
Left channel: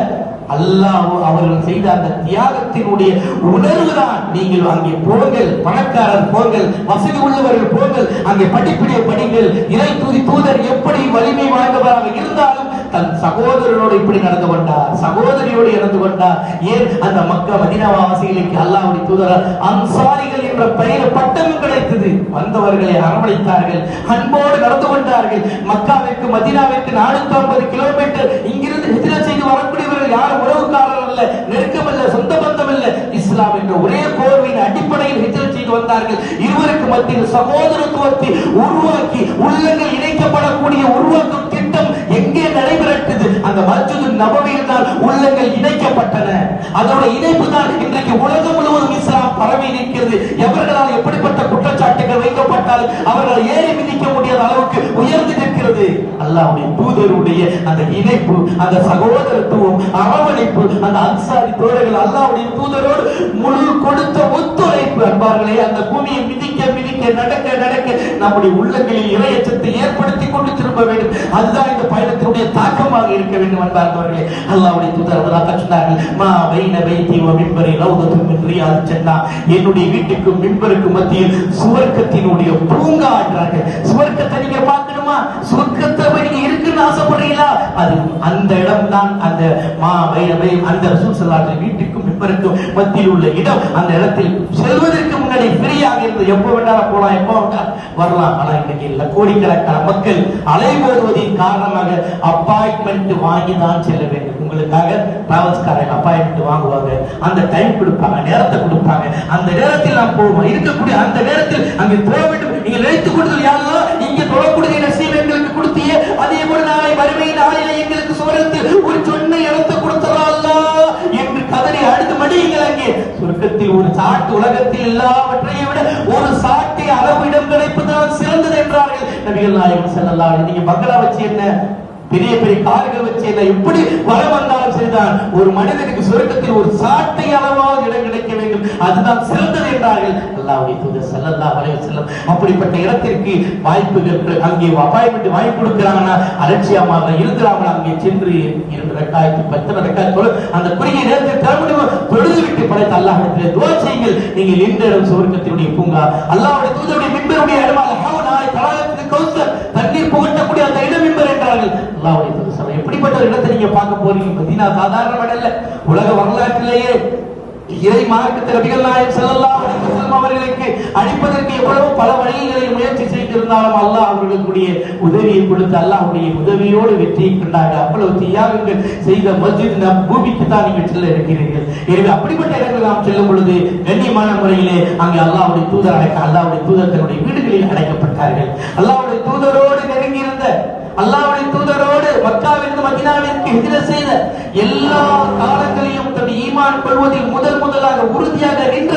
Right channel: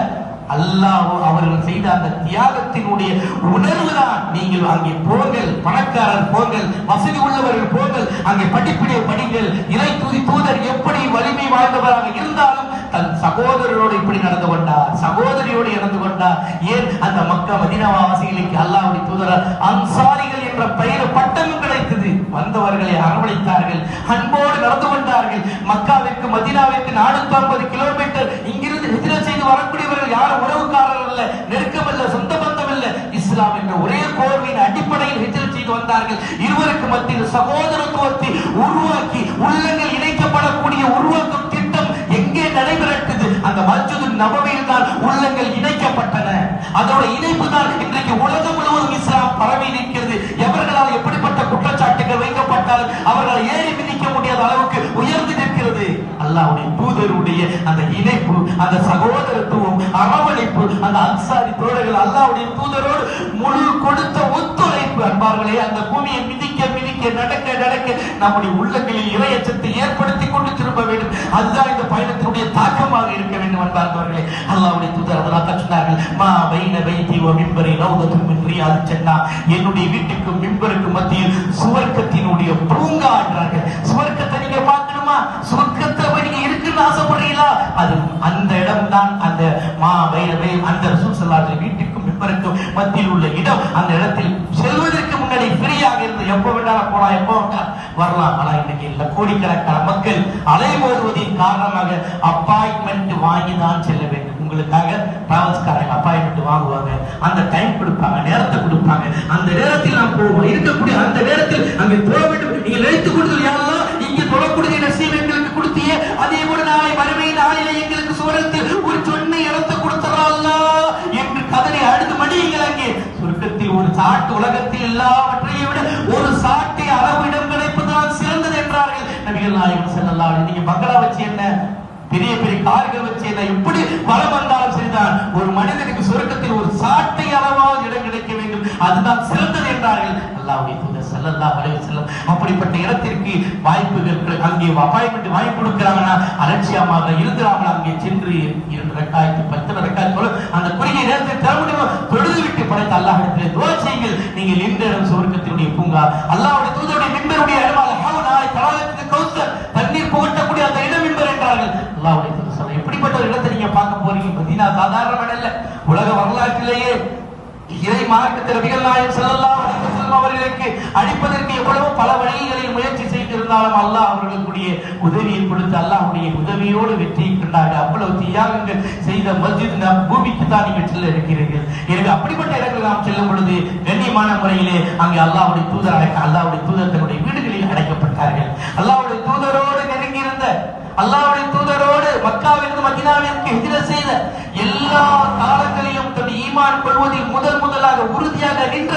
அல்லாஹ் அவர்கள் செய்த அந்த தியாகத்தினுடைய உணர்வுதான். நீங்கள் அங்கே போங்கள், பணக்காரர் போங்கள், வசதி உள்ளவர்கள் போங்கள், அங்கே படிப்பினை படிங்கள். இறை தூதர் எப்படி வலிமை வாய்ந்தவராக இருந்தாலும் தன் சகோதரனோடு சகோதரனோடு இப்படி நடந்து கொண்டார், சகோதரியோடு நடந்து கொண்டார். ஏன் அந்த மக்கா மதீனா வாசிகளுக்கு அல்லாஹ்வுடைய தூதர் அன்சாரிகள் என்ற பெயர் பட்டம் கிடைத்தது. வந்தவர்களை அரவணைத்தார்கள், அன்போடு நடந்து கொண்டார்கள். மக்காவிற்கு மதீனாவிற்கு 450 கிலோமீட்டர் இங்கிருந்து ஹிஜ்ரத் செய்து வரக்கூடியவர்கள் யார் உறவுக்காரர்கள் அல்ல, நெருக்கம் அல்ல, சொந்த பந்தம் அல்ல, இஸ்லாம் என்ற ஒரே போர்வையின் அடிப்படையில் ஹிஜ்ரத் செய்து வந்தார்கள். இருவருக்கு மத்தியில் சகோதரத்துவத்தை உருவாக்கி உள்ளங்கள் இணைக்கப்படக்கூடிய உருவாக்கும் திட்டம் எங்கே நடைபெற்றது? அந்த மஸ்ஜித் நபவியில் தான் உள்ளங்கள் இணைக்கப்பட்டன. அதோட இணைப்பு தான் இன்றைக்கு உலகம் முழுவதும் இஸ்லாம் பரவி நிற்கிறது. எவர்களால் எப்படிப்பட்ட குற்றச்சாட்டுகள் வைக்கப்பட்டால் அவர்களை ஏறி மிதிக்க முடியாத அளவுக்கு உயர்ந்து நிற்கிறது. அல்லாஹ்வுடைய தூதருடைய அந்த இணைப்பு, அந்த சகோதரத்துவம், அரவணைப்பு, அந்த அன்சாரி தோழர்கள் அல்லாஹ்வுடைய தூதரோடு முழு கொடுத்த ஒத்துழைப்பு. அன்பார்களே, அந்த பூமியை மிதிக்க மிதிக்க நடக்க நடக்க நம்முடைய உள்ளங்களில் இறையச்சத்தை ஏற்படுத்தி கொண்டு திரும்ப வேண்டும். அதுதான் இந்த பயணத்தினுடைய தாக்கமாக இருக்க வேண்டும். அன்பார்களே, அல்லாஹ்வுடைய தூதர் சொன்னார்கள், மா பைன பைத்தி வ மிம்பரி ரௌதத்துன் மின் ரியாதில் ஜன்னah, என்னுடைய வீட்டுக்கும் மிம்பருக்கு மத்தியில் சுவர்க்கத்தினுடைய பூங்கா என்றார்கள். சுவர்க்கத்தை நீங்க பார்க்கணுமா? சுவர்க்கத்தை நீங்க இருக்குன்னு ஆசைப்படுறீங்களா? அது அந்த இடம் தான் அந்த மா பைன பை அந்த ரசூல் ஸல்லல்லாஹு அலைஹி வீட்டுக்கும் மிம்பருக்கும் மத்தியில் உள்ள இடம். அந்த இடத்தில் செல்வதற்கு முன்னாடி ஃப்ரீயாக இருந்து எப்போ வேண்டாலும் போலாம், எப்போ வேண்டாலும் வரலாம். ஆனா இன்னைக்கு இல்ல, கோடிக்கணக்கான மக்கள் அலைமோதுவதின் காரணமாக அப்பாயின்மெண்ட் வாங்கி தான் செல்ல வேண்டும். உங்களுக்காக டிராவல்ஸ்காரங்க அப்பாயின்மெண்ட் வாங்குவாங்க, அந்த டைம் கொடுப்பாங்க, நேரத்தை கொடுப்பாங்க. அந்த நேரத்தில் நாம் போவோம். இருக்கக்கூடிய அந்த நேரத்தில் அங்கே போக வேண்டும். நீங்க நினைத்துக் கொடுத்தது யாரெல்லாம் இங்க தொழக்கூடிய நசீப் எங்களுக்கு கொடுத்தியே, அதே போல நாளை வறுமை நாளிலே எங்களுக்கு சுவரத்தில் ஒரு சொன்ன இடத்தை கொடுத்தரா என்று கதறி அழுது மடியுங்கள். அங்கே சொர்க்கத்தில் ஒரு சாட்டு, உலகத்தில் எல்லாவற்றையும் விட ஒரு சாட்டை அளவிடம் கிடைப்பதுதான் சிறந்தது என்றார்கள் நபிகள் நாயகம் ஸல்லல்லாஹு அலைஹி. நீங்க பங்களா வச்சு என்ன, பெரிய பெரிய கார்கள் வச்சு என்ன, எப்படி வளம் வந்தாலும் சரிதான், ஒரு மனிதனுக்கு சொர்க்கத்தில் ஒரு சாட்டை அளவாக இடம் கிடைக்க வேண்டும், அதுதான் சிறந்தது என்றார்கள் அல்லாஹ்வுடைய தூதர் ஸல்லல்லாஹு அலைஹி வஸல்லம். அப்படிப்பட்ட இடத்திற்கு வாய்ப்புகள், அங்கே அப்பாயின்மெண்ட் வாங்கி கொடுக்கிறாங்கன்னா அலட்சியமாக இருந்தாமல் அங்கே சென்று 2 ரக்காத் 10 ரக்காத் தொழ அந்த குறுகிய நேரத்தில் தொழுது விட்டு படைத்த அல்லாஹ்விடத்தில் துஆ செய்யுங்கள். நீங்கள் இந்த இடம் சுவர்க்கத்தினுடைய பூங்கா, அல்லாஹ்வுடைய தூதருடைய மிம்பருடைய இடம், அல்ஹம்துலில்லாஹ் தஆலாவுக்கு கௌசர் தண்ணீர் புகட்டக்கூடிய அந்த இடம் மிம்பர் என்றார்கள். அல்லாஹ்வுடைய தூதர் எப்படிப்பட்ட ஒரு இடத்தை நீங்க பார்க்க போறீங்க? மதீனா சாதாரண இடம் அல்ல. உலக வரலாற்றிலேயே இறை மார்க்கத்தில் நபிகள் நாயகம் ஸல்லல்லாஹு அலைஹி வஸல்லம் அவர்களுக்கு அழிப்பதற்கு எவ்வளவு பல வழிகளை முயற்சி செய்திருந்தாலும் அல்லாஹ் அவர்களுடைய உதவியை கொடுத்து அல்லாஹ்வுடைய உதவியோடு வெற்றியை கண்டார்கள். அவ்வளவு தியாகங்கள் செய்த மஸ்ஜித் நபவிக்கு தான் நீங்கள் செல்ல இருக்கிறீர்கள். எனவே அப்படிப்பட்ட இடங்களில் நாம் செல்லும் பொழுது கண்ணியமான முறையிலே அங்கே அல்லாஹ்வுடைய தூதராக அல்லாஹ்வுடைய தூதர் தன்னுடைய வீடுகளில் அடைக்கப்பட்டார்கள். அல்லாஹ்வுடைய தூதரோடு நெருங்கி இருந்த, அல்லாஹ்வுடைய தூதரோடு மக்காவிற்கு மதீனாவிற்கு ஹிஜ்ரத் செய்த, எல்லா காலங்களிலும் தன்னுடைய ஈமான் கொள்வதில் முதலாக உறுதியாக நின்ற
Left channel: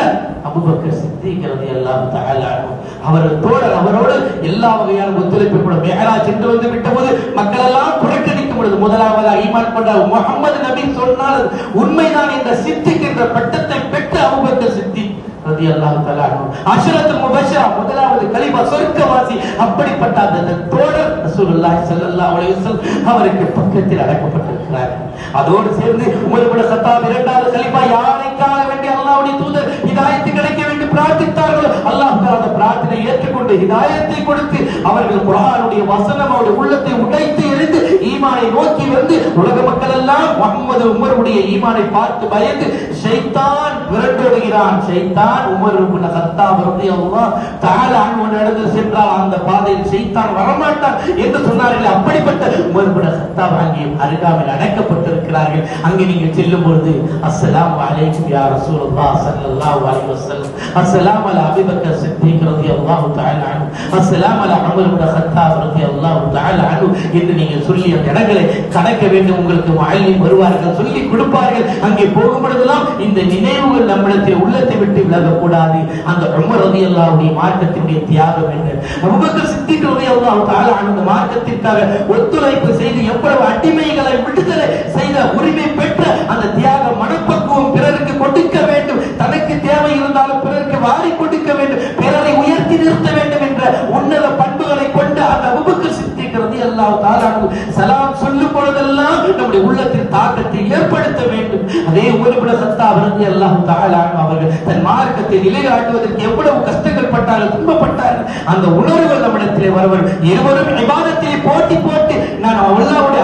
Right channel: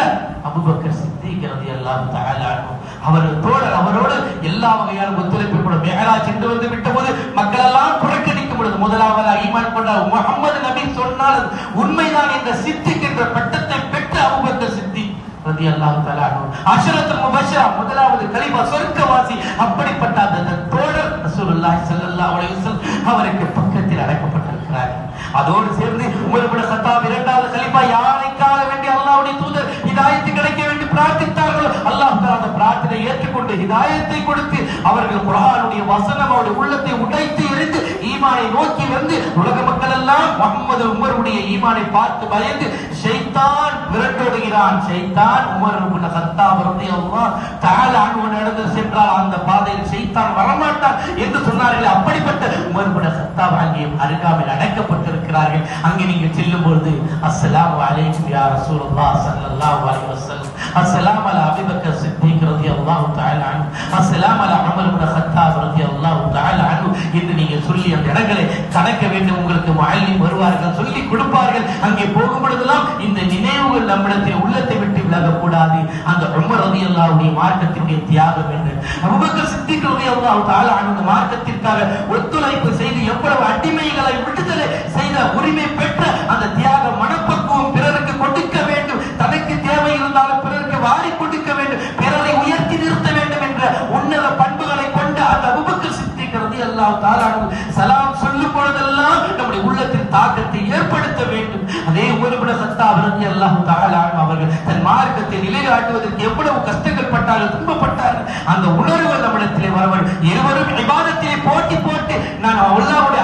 அபூபக்கர் சித்திக் ரலியல்லாஹு தஆலா அன்ஹு அவரது தோழர், அவரோடு எல்லா வகையான ஒத்துழைப்பு. மிஹ்ராஜ் சென்று வந்து விட்ட போது மக்கள் எல்லாம் புறக்கணிக்கும் பொழுது முதலாவதாக ஈமான் கொண்ட முஹம்மது நபி சொன்னால் உண்மைதான் என்ற சித்திக் என்ற பட்டத்தை பெற்ற அபூபக்கர் சித்திக் ரலியல்லாஹு தஆலா அன்ஹு அஷரத்துல் முபஷ்ஷரா, முதலாவது கலிமா சொர்க்கவாசி. அப்படிப்பட்ட அந்த தோழர் ரசூலுல்லாஹி ஸல்லல்லாஹு அலைஹி வஸல்லம் அவருக்கு பக்கத்தில் அடக்கப்பட்டிருக்கிறார். அதோடு சேர்ந்து உமர் இப்னு கத்தாப் 2வது கலிமா யாரைக்காக வேண்டி அல்லாஹ்வுடைய தூதர் ஹிதாயத் கிடைக்க வேண்டும் பிரார்த்தித்தார்களோ அல்லாஹ் தஆலா பிரார்த்தனை ஏற்றுக்கொண்டு ஹிதாயத்தை கொடுத்து அவர்கள் குர்ஆனுடைய வசனமோடு உள்ளத்தை உடைத்து எரிந்து ஈமானை நோக்கி வந்து உலக மக்கள் எல்லாம் முஹம்மது உமருடைய ஈமானை பார்த்து பயந்து ஷைத்தான் விரட்டோடுகிறான். ஷைத்தான் உமர் இப்னு கத்தாப் ரலியல்லாஹு தஆலா அன்ஹு நடந்து சென்றால் அந்த பாதையில் ஷைத்தான் வரமாட்டான் என்று சொன்னார்கள். அப்படிப்பட்ட உமர் இப்னு கத்தாப் அங்கே அருகாமையில் அடக்கப்பட்டிருக்கிறார்கள். அங்கே நீங்கள் செல்லும் பொழுது அஸ்ஸலாமு அலைக்கும் யா ரசூலுல்லாஹ் ஸல்லல்லாஹு அலைஹி வஸல்லம், அஸ்ஸலாமு அலா அபூபக்கர் சித்திக் ரலியல்லாஹு தஆலா அன்ஹு, அஸ்ஸலாமு அலா உமர் இப்னு கத்தாப் ரலியல்லாஹு தஆலா அன்ஹு என்று நீங்கள் சொல்லி அந்த இடங்களை கடக்க வேண்டும். உங்களுக்கு முஅல்லிம் வருவார்கள், சொல்லி கொடுப்பார்கள். அங்கே போகும் பொழுதெல்லாம் இந்த நினைவுகள் நம்மிடத்தில் உள்ளத்தை விட்டு விலகக்கூடாது. அந்த உமர் ரலியல்லாஹுடைய மார்க்கத்தினுடைய தியாகம் என்ன, அபூபக்கர் சித்திக் ரலியல்லாஹு தஆலா அன்ஹு மார்க்கத்திற்காக ஒத்துழைப்பு செய்து எவ்வளவு அடிமைகளை விடுதலை செய்த உரிமை பெற்ற அந்த தியாக மனப்பக்குவம், பிறருக்கு கொடுக்க வேண்டும், தனக்கு தேவை இருந்தாலும் பிறருக்கு வாரி கொடுக்க வேண்டும், பிறரை உயர்த்தி நிறுத்த வேண்டும் என்ற உன்னத பண்புகளை கொண்ட அந்த அபூபக்கர் சித்திக் ரலியல்லாஹு தஆலா அன்ஹு சலாம் சொல்லும் பொழுதெல்லாம் நம்முடைய உள்ளத்தில் தாக்கத்தை ஏற்படுத்த வேண்டும். அதே உமர் இப்னு கத்தாப் ரலியல்லாஹு தஆலா அன்ஹு அவர்கள் தன் மார்க்கத்தை நிலைநாட்டுவதற்கு எவ்வளவு கஷ்டங்கள் பட்டார்கள், துன்பப்பட்டார்கள். அந்த உணர்வுகள் நம்மிடத்திலே வரவன் இருவரும் இபாதத்திலே போட்டி போட்டு நான் அல்லாஹ்வுடைய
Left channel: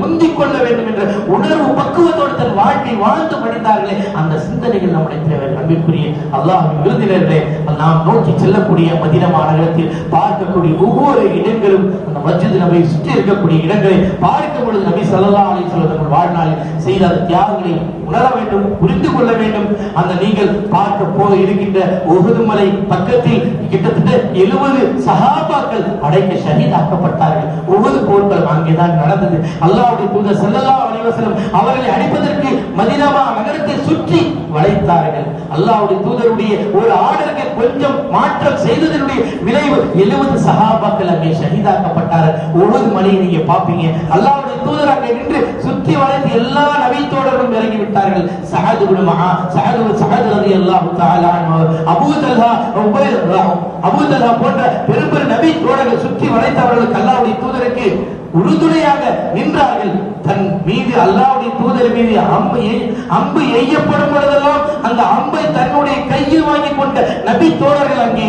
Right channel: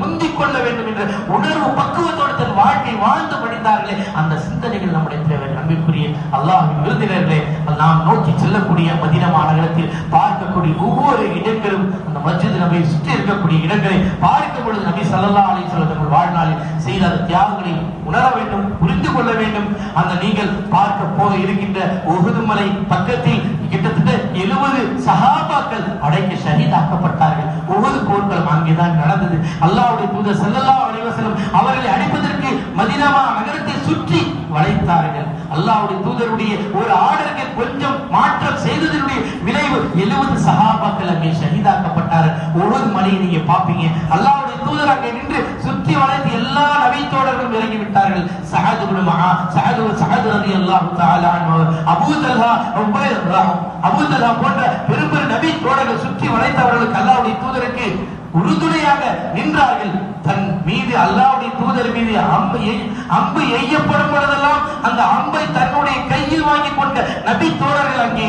முந்திக் கொள்ள வேண்டும் என்ற வாழ்க்கை வாழ்ந்து படித்தார்களே அந்த சிந்தனைகள் நம்முடைய தேவை. அன்பிற்குரிய அல்லாஹ்வின் விருந்தினர்களே, நாம் நோக்கி செல்லக்கூடிய மதீனா மாநகரத்தில் பார்க்கக்கூடிய ஒவ்வொரு இடங்களும் அந்த மஸ்ஜித் நபியை சுற்றி இருக்கக்கூடிய இடங்களை பார்க்கும் பொழுது நபி ஸல்லல்லாஹு அலைஹி வஸல்லம் வாழ்நாளில் செய்த தியாகங்களை உணர வேண்டும், புரிந்து கொள்ள வேண்டும். அந்த நீங்கள் பார்க்க போய் இருக்கின்ற உஹுத் மலை பக்கத்தில் கிட்டத்தட்ட 70 சஹாபாக்கள் அடைக்க ஷஹீதாக்கப்பட்டார்கள். உஹுத் போர்க்களம் அங்கேதான் நடந்தது. அல்லாஹ்வுடைய தூதர் ஸல்லல்லாஹு அலைஹி வஸல்லம் அவர்களை அழைப்பதற்கு மதீனா நகரத்தை சுற்றி வளைத்தார்கள். அல்லாஹ்வுடைய தூதருடைய ஒரு ஆர்டருக்கு கொஞ்சம் மாற்றம் செய்ததனுடைய விளைவு 70 சஹாபாக்கள் அங்கே ஷஹீதாக்கப்பட்டார்கள். உஹுத் மலையை நீங்க பாப்பீங்க, அல்லாஹ்வுடைய தூதர் அங்கே நின்று சுற்றி வளைத்து எல்லா நபி தோழரும் இறங்கி விட்டார்கள். சஅத் இப்னு சஅத் ரலியல்லாஹு தஆலா அன்ஹு, அபூ தல்ஹா போன்ற பெரும் நபி தோழர்கள் சுற்றி வளைத்தவர்களுக்கு அல்லாஹ்வுடைய தூதருக்கு உறுதுணையாக நின்றார்கள். தன் மீது அல்லாஹ்வுடைய தூதர் மீது அம்பு எய்யப்படும் பொழுதெல்லாம் அந்த அம்பை தன்னுடைய கையில் வாங்கி கொண்ட நபி தோழர்கள் அங்கே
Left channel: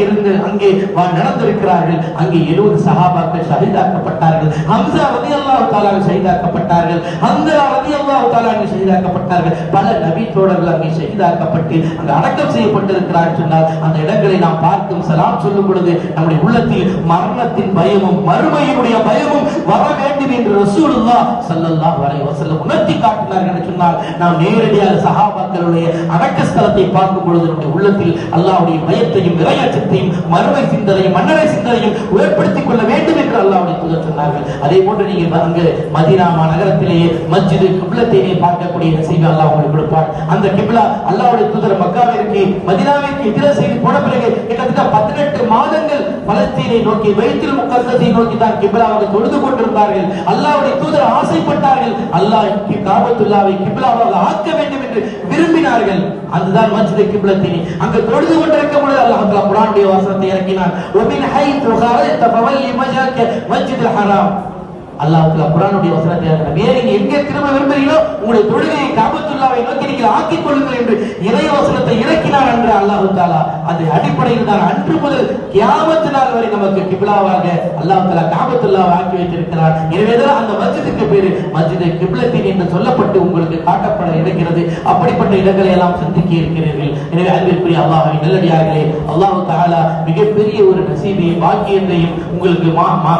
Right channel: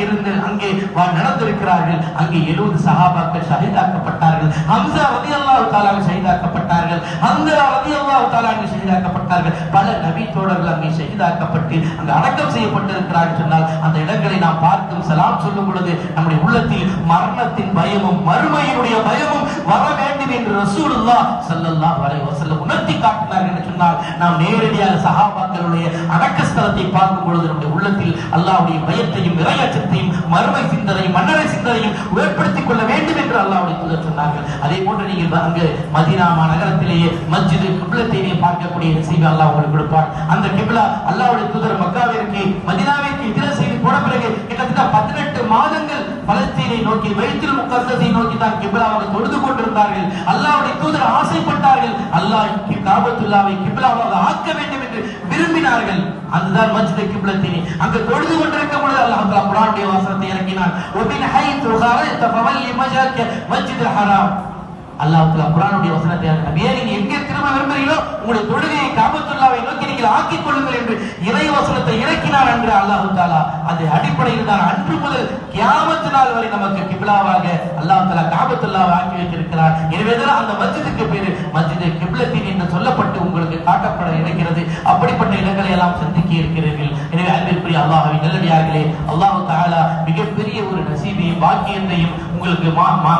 நடந்திருக்கிறார்கள். அங்கே 70 சஹாபாக்கள் ஷஹீதாக்கப்பட்டார்கள். ஹம்ஸா ரலியல்லாஹு தஆலா ஷஹீதாக்கப்பட்டார்கள். ஹம்ஸா ரலியல்லாஹு தஆலா ஷஹீதாக்கப்பட்டார்கள். பல நபி தோழர்கள் அங்கே ஷஹீதாக்கப்பட்டு அங்கே அடக்கம் செய்யப்பட்டிருக்கிறார்கள் சொன்னால் அந்த இடங்களை நாம் பார்த்து சலாம் சொல்லும் பொழுது நம்முடைய உள்ளத்தில் மரணத்தின் பயமும் மறுமையினுடைய பயமும் வர வேண்டும் என்று ரசூலுல்லாஹ் ஸல்லல்லாஹு அலைஹி வஸல்லம் உணர்த்தி காட்டினார்கள் என்று சொன்னால் நாம் நேரடியாக சஹாபாக்களுடைய அடக்க ஸ்தலத்தை பார்க்கும் பொழுது நம்முடைய உள்ளத்தில் அல்லாஹ்வுடைய பயத்தையும் இறையச்சத்தையும் மறுமை சிந்தனையும் மன்னரை சிந்தனையும் ஏற்படுத்திக் கொள்ள வேண்டும் என்று அல்லாஹ்வுடைய தூதர் சொன்னார்கள். அதே போன்று நீங்கள் அங்கு மதீனா நகரத்திலேயே மஸ்ஜித் கிப்லத்தை பார்க்கக்கூடிய நசீபை அல்லாஹ் உங்களுக்கு கொடுப்பார். அந்த கிப்லா அல்லாஹ்வுடைய தூதர் மக்காவிற்கு மதீனாவிற்கு ஹிஜ்ரத் செய்து போன பிறகு கிட்டத்தட்ட 18 மாதங்கள் பலஸ்தீனை நோக்கி பைத்துல் முகத்தஸை நோக்கி தான் கிப்லாவை தொழுது கொண்டிருந்தார்கள். அல்லாஹ்வுடைய தூதர் ஆசைப்பட்டார்கள், அல்லாஹ் காபத்துல்லாவை கிப்லாவாக ஆக்க வேண்டும் என்று விரும்பினார்கள். அதுதான் மஸ்ஜித் கிப்லத்தை அங்கு தொழுது கொண்டிருக்கும் பொழுது அல்லாஹ் குர்ஆனுடைய வசனத்தை இறக்கினான். وَمِنْ حَيْثُ خَرَجْتَ فَوَلِّ وَجْهَكَ مَسْجِدَ الْحَرَامَ. அல்லாஹ் குர்ஆனுடைய வசனத்தை இறக்கினான். நீங்க எங்கே திரும்ப விரும்புகிறீங்களோ உங்களுடைய தொழுகையை காபத்துல்லாவை நோக்கி நீங்கள் ஆக்கிக் கொள்ளுங்கள் என்று இறை வசனத்தை இறக்கினார் என்ற அல்லாஹ் தஆலா அது அடிப்படையில் தான் அன்று முதல் கியாமத் நாள் வரை நமக்கு கிப்லாவாக அல்லாஹ் தஆலா காபத்துல்லாவை ஆக்கி வைத்திருக்கிறார். எனவேதான் அந்த மஸ்ஜிதுக்கு பேரு மஸ்ஜித் கிப்லத்தின் என்று சொல்லப்பட்டு உங்களுக்கு காட்டப்பட இருக்கிறது. அப்படிப்பட்ட இடங்களை எல்லாம் சந்திக்க இருக்கிறீர்கள். எனவே அன்பிற்குரிய அல்லாஹ்வின் நல்லடியார்களே, அல்லாஹ் தஆலா மிகப்பெரிய ஒரு நசீபையும் பாக்கியத்தையும் உங்களுக்கு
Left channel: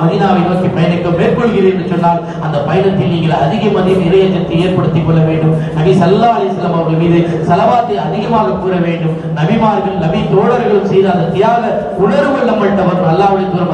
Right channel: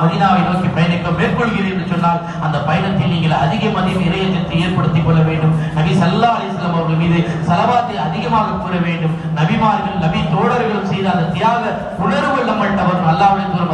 மதீனாவை நோக்கி பயணிக்க மேற்கொள்கிறீர்கள் என்று சொன்னால் அந்த பயணத்தில் நீங்கள் அதிகமதியும் இறையச்சத்தை ஏற்படுத்திக் கொள்ள வேண்டும். நபி ஸல்லல்லாஹு அலைஹி வஸல்லம் அவர்கள் மீது ஸலவாத்தை அதிகமாக கூற வேண்டும். நபிமார்கள் நபி தோழர்களும் செய்த அந்த தியாக உணர்வு நம்மள்ட்ட வரும். அல்லாஹ்வுடைய தூதர்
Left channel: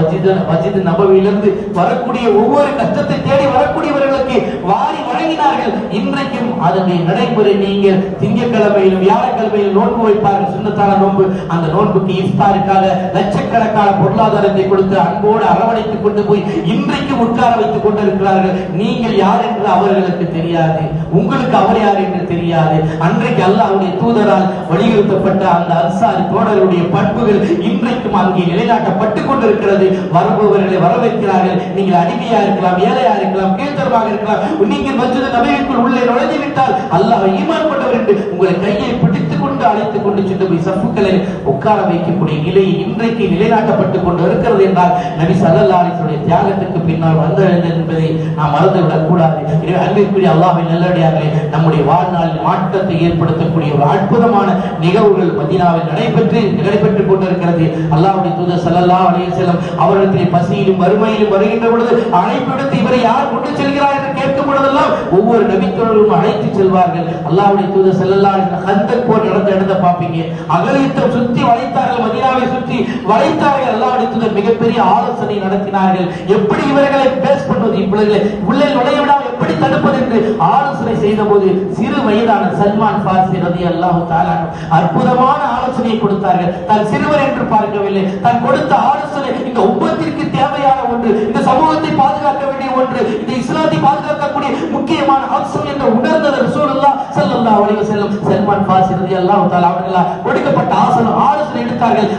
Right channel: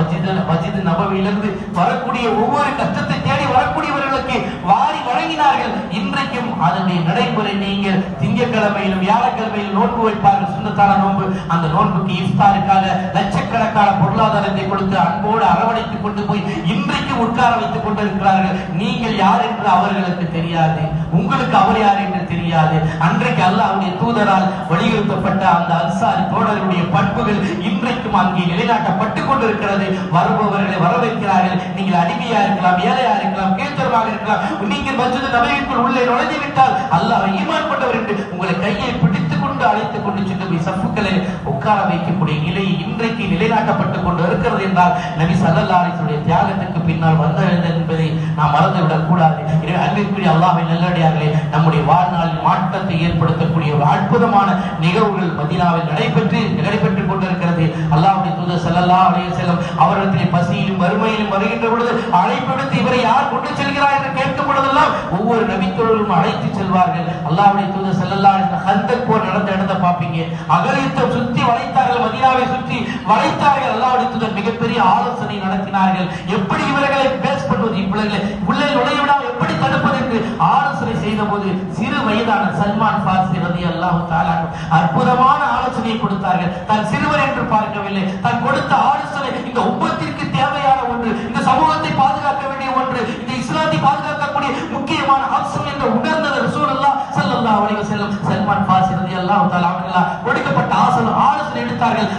மஸ்ஜித் நபவியிலிருந்து வரக்கூடிய ஒவ்வொரு கஷ்டத்தை தேடி வரக்கூடியவர்களுக்கு வாரி வழங்கினார்கள். இன்றைக்கும் அதனுடைய நடைமுறை நீங்கள் திங்கட்கிழமையிலும் வியாழக்கிழமையில் நோன்பு வைப்பார்கள், சுன்னத்தான நோன்பு. அந்த நோன்புக்கு இஃப்தாருக்காக லட்சக்கணக்கான பொருளாதாரத்தை கொடுத்து அன்போடு அரவணைத்துக் கொண்டு போய் இன்றைக்கும் உட்கார வைத்துக் கொண்டிருக்கிறார்கள். நீங்கள் யார் என்று அவர்களுக்கு தெரியாது, உங்களுக்கு அவர் யார் என்று தெரியாது. அன்றைக்கு அல்லாஹ்வுடைய தூதரால் வலியுறுத்தப்பட்ட அந்த அன்சார் தோழர்களுடைய பண்புகள் இன்றைக்கும் அங்கே நிலைநாட்டப்பட்டுக் கொண்டிருக்கிறது. வருபவர்களை வரவேற்கிறார்கள். நீங்கள் அடிமையா இருக்கலாம், ஏழையா இருக்கலாம், கீழ்த்தரமாக இருக்கலாம். நீங்கள் மஸ்ஜித் நபவிக்குள் உள்ளே நுழைந்து விட்டால் அல்லாஹ் ஈமான் கொண்டவர் என்று உங்களை கையை பிடித்துக் கொண்டு அழைத்துக் கொண்டு சென்று போய் சஃப்புக்களை உட்கார வைக்கக்கூடிய நிலை இன்றைக்கு நிலைநாட்டப்பட்டுக் கொண்டு இருக்கிறது என்றால் நபி ஸல்லல்லாஹு அலைஹி வஸல்லம் தியாகத்துக்கு பின்னால் வந்தது என்பதை நாம் மறந்துவிடக் கூடாது. அன்பிற்குரிய அல்லாஹ்வின் நல்லடியார்களே, நம்முடைய வாழ்நாளில் மாற்றத்தை ஏற்படுத்தக்கூடிய அற்புதமான நிகழ்வுகள் மதீனாவில் நடைபெற்றுக் கொண்டிருக்கிறது. அல்லாஹ்வுடைய தூதர் ஸல்லல்லாஹு அலைஹி வஸல்லம் அவர்களிடத்தில் பசியிலும் வறுமையிலும் வருகின்ற பொழுது அழைப்பெடுத்து இவரை யார் கொண்டு செல்கிறார் என்று கேட்கும் பொழுதெல்லாம் ஒவ்வொரு நபித்தோழரும் அழைத்து செல்வார்கள். அல்லாஹ்வுடைய தூதர் ஸல்லல்லாஹு அலைஹி வஸல்லம் ஹந்தக் போர் நடந்த இடத்தை பார்ப்பீங்க. அகலித்தம் சுற்றி வளைத்தார்கள், மதீனாவை சுற்றி வளைத்தார்கள். அல்லாஹ்வுடைய தூதர் மிகப்பெரிய ஆலோசனை நடத்தினார்கள். எப்படி இவர்களை பேஸ் பண்ணுவது, இவர்களை உள்ளே நுழையவிடாமல் எப்படி தடுப்பது என்று ஆலோசனை செய்த போது சிறு வயதான சல்மான் ஃபாரிஸி ரலியல்லாஹு தஆலா அற்புதமான ஆலோசனையை கொடுத்தார்கள். தான் சிறுவர் என்று பார்க்கவில்லை, தான் கொடுத்த ஆலோசனை இந்த உம்மத்திற்கு தேவையான ஒன்று, இந்த சமூகத்தை பாதுகாக்க வேண்டிய ஒன்று, இந்த இஸ்லாத்தை பாதுகாக்கக்கூடிய முக்கியமான அம்சம் என்று உணர்ந்த ரசூலுல்லாஹ் ஸல்லல்லாஹு அலைஹி வஸல்லம் சல்மான் ஃபாரிஸி ரலியல்லாஹு தஆலா அவர்களால் கொடுக்கப்பட்ட ஆலோசனை எடுத்தார்கள்.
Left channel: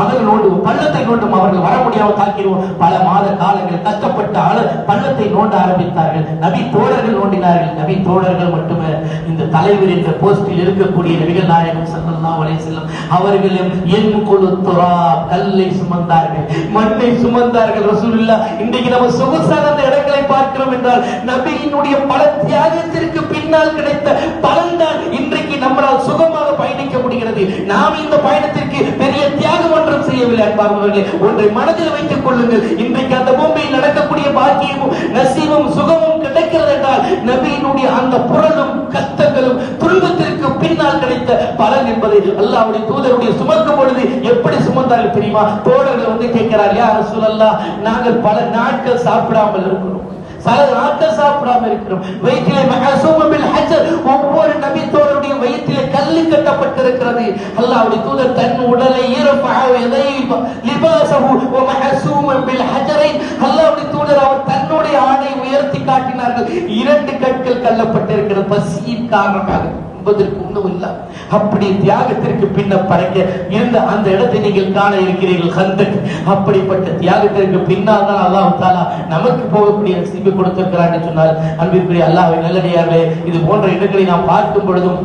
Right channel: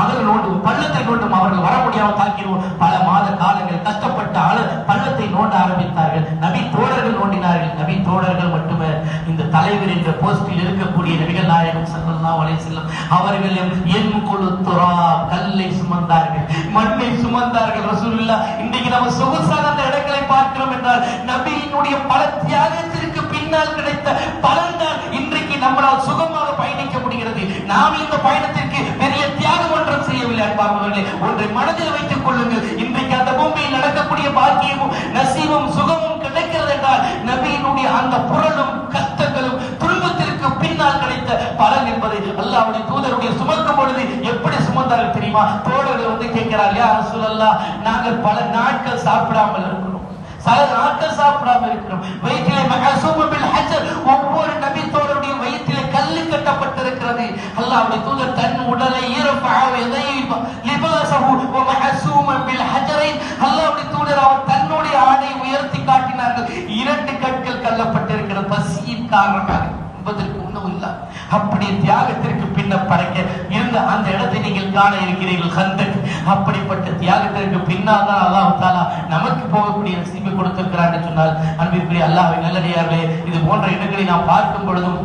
அகலோடு பள்ளத்தை நோண்டும் அவர்கள் வர முடியாமல் தாக்கினோம். பல மாத காலங்கள் கஷ்டப்பட்டு பள்ளத்தை நோண்ட ஆரம்பித்தார்கள். நபி தோழர்கள் நோண்டினார்கள். நபி தோழர்கள் மட்டுமே இந்த தலைவர் என்ற போஸ்டில் இருக்கக்கூடிய நபிகள் நாயகம் ஸல்லல்லாஹு அலைஹி வஸல்லம் அவர்களும் கல்லை சுமந்தார்கள், மண்ணை சுமந்தார்கள். ரசூலுல்லாஹ் இன்றைக்கு நம்ம சொகுசான இடங்களை பார்க்கிறோம் என்றால் நபியினுடைய பல தியாகத்திற்கு பின்னால் கிடைத்த பல கண்ணியமானவர்களே, ஒன்றை மனதில் வைத்துக் கொள்ளுங்கள். இன்றைக்கு அந்த பூமியில் நடக்கக்கூடிய பாக்கியமும் நசீவும் சுகமும் கிடைக்கிறது என்றால் நபியினுடைய அந்த புரளும் கஷ்டங்களும் துன்பத்திற்கு பின்னால் கிடைத்த பலன் என்பதை அல்லாஹ்வுடைய தூதருடைய சுமக்கும் பொழுது எப்படி சுமந்தார்கள் தெரியுமா? தோழர்கள் வந்து கேட்கிறார், யா ரசூலல்லாஹ், நாங்கள் பல நாட்கள் சாப்பிடாமல் இருக்கிறோம், வயிற்றிலே மஹசூம் பில் ஹஜர், ஒவ்வொரு நபி தோழருடைய வயிற்றிலே கல்லு கட்டப்பட்டிருக்கிறது. அல்லாஹ்வுடைய தூதர் தன் உடலை ஈரப்பஹு யதைஹு லிபாஸஹு வ மஹசூம் பில் ஹஜரைன், அல்லாஹ்வுடைய தூதர் அவர் தன்னுடைய ஆடை உயர்த்தி காட்டினார்கள். 2 கற்கள் கல்லப்பட்டிருக்கிறது பசியின் காரணமாக, என்பதற்கு ஒன்றும் இல்லை. அப்படி தியாகத்திற்கு பின்னர் படைக்க இருந்த அந்த இடத்தை நீங்கள் காண இருக்கிறீர்கள், ஹந்தக். அப்படிப்பட்ட தியாகத்திற்கு பின்னால் தான் அல்லாஹ் தஆலா நமக்கு போகக்கூடிய நசீபை கொடுத்திருக்கிறார் என்று சொன்னால், அன்பிற்குரிய அல்லாஹ்வின் நல்லடியார்களே, இது போன்ற இடங்களை நாம் பார்க்கும் பொழுதும்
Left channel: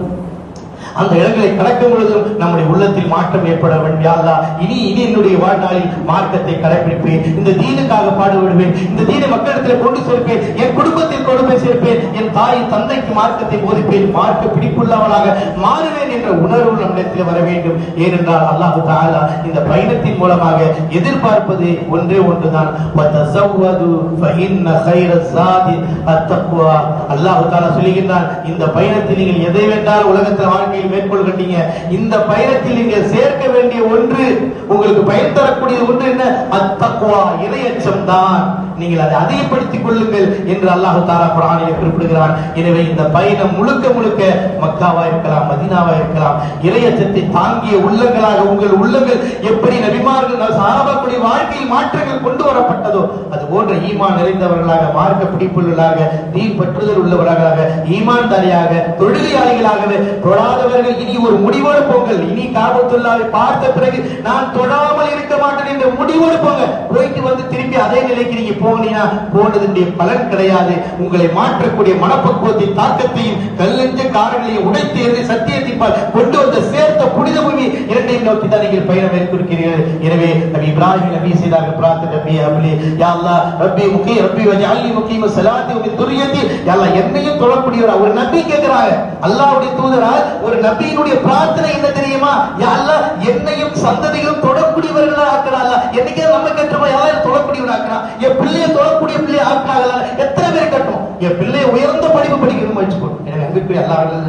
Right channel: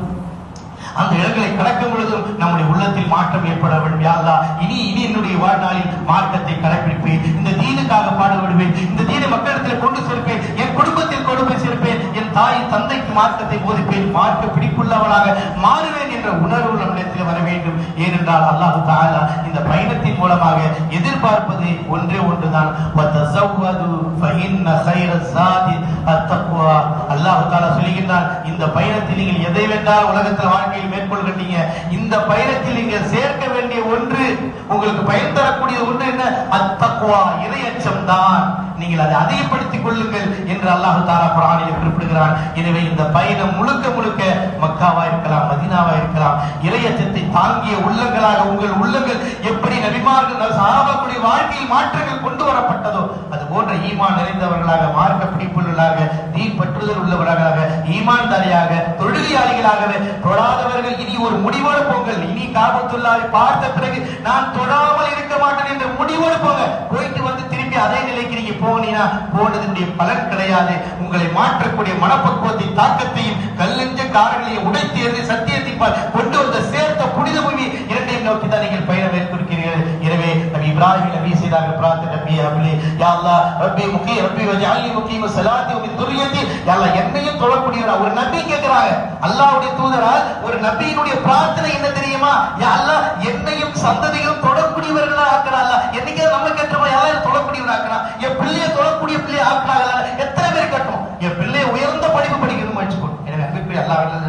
அந்த இடங்களை கடக்கும் பொழுதும் நம்முடைய உள்ளத்தில் மாற்றம் ஏற்பட வேண்டும். யா அல்லாஹ், இனி என்னுடைய வாழ்நாளில் மார்க்கத்தை கடைபிடிப்பேன், இந்த தீனுக்காக பாடுபடுவேன், இந்த தீனை மக்களிடத்தில் கொண்டு சேர்ப்பேன், என் குடும்பத்தில் கொண்டு போய் சேர்ப்பேன், என் தாய் தந்தைக்கு மார்க்கத்தை போதிப்பேன், மார்க்க பிடிப்புள்ளவனாக மாறுவேன் என்ற உணர்வு நம்மிடத்தில் வர வேண்டும். ஏனென்றால் அல்லாஹ் தஆலா இந்த பயணத்தின் மூலமாக எதிர்பார்ப்பது ஒன்றே ஒன்றுதான், வதஸவ்வது ஃபஇன்ன கைர ஸாதி அத்தக்வா. அல்லாஹ் தஆலா சொல்கிறான், இந்த பயணத்தில் நீங்கள் எதை வேண்டாலும் உலகத்தில் வாழ்க்கையில் மேற்கொள்கிறீங்க, இந்த பயணத்தில் நீங்கள் சேர்க்க வேண்டிய ஒன்று, உங்களுக்கு பயன் தரக்கூடிய ஒன்று என்ன? அத்தக்வா, இறையச்சம் தான். நீங்கள் அதை அதிகப்படுத்திக் கொள்ளுங்கள் என்று அல்லாஹ் தஆலா குர்ஆனில் குறிப்பிடுகிறான். எனவே இந்த பயணம் முழுக்க முழுக்க மக்காவா இருக்கலாம், மதீனாவா இருக்கலாம், இறையச்சத்தை தாங்கிய உள்ளங்களாக உங்கள் உள்ளங்கள் எப்படி நபிமார்கள் சஹாபாக்களுடைய வாழ்க்கையில் மாற்றங்கள் கொண்டு வரப்பட்டதோ அது போன்ற ஈமான் நிறைந்தவர்களாக, மார்க்க பிடிப்புள்ளவர்களாக, தீன் பற்றுதல் உள்ளவர்களாக, ஈமான்தாரியாக, தொழுகையாளிகளாக, தொழாதவர்கள் இனி ஒரு முடிவோடு போங்கள். இனி காபத்துல்லாஹை பார்த்த பிறகு நான் தொழாமல் இருக்க மாட்டேன் என்ற முடிவோடு போங்க. போயிட்டு வந்து திரும்பி அதே நிலைக்கு நீங்க போனீங்கன்னா போனதுடைய பலன் கிடையாது. உங்களை மாற்றக்கூடிய மனப்பக்குவத்தின் தாக்கத்தையும் கல்லஞ்ச காரங்களையும் உடைத்தேர்ந்து சத்தியத்தின் கொண்டு வந்து சேர்த்த புனித பூமி இரண்டையும் நோக்கி தான் நீங்கள் பயணம் மேற்கொள்கிறீர்கள். எனவே நபி இப்ராஹிம் நபி செய்தார்கள் பிரார்த்தனை, நபி அப்லி யா அல்லாஹ் ரப்பி முகி ரப்பி வஜஅல்னி முகீம ஸலாத்தி வ துர்ரியதி. யா அல்லாஹ், என்னையும் தொடக்கூடியவர் ஒரு நபி கேட்கிறாங்க. அல்லாஹ்வுடைய தூதரால் ஒரு நபியினுடைய பிரார்த்தனை என்ன தெரியுமா? யா அல்லாஹ், என்னையும் சந்ததியும் தொடக்கூடியவர்களாக ஆக்குறாங்க. என்னைக்கு நம்ம கேட்டோம், யாரையும் தொடக்கூடியவராக ஆக்குறாங்க, என் பிள்ளையை தொடக்கூடிய பிள்ளையை ஆக்குறாங்க. எத்தனை பேர் கட்டணும்? என் பிள்ளையை உயர்ந்த படிப்பு படிக்கணும் வச்சுக்கோ. எனவே அன்புக்குரிய அல்லாஹ்வின்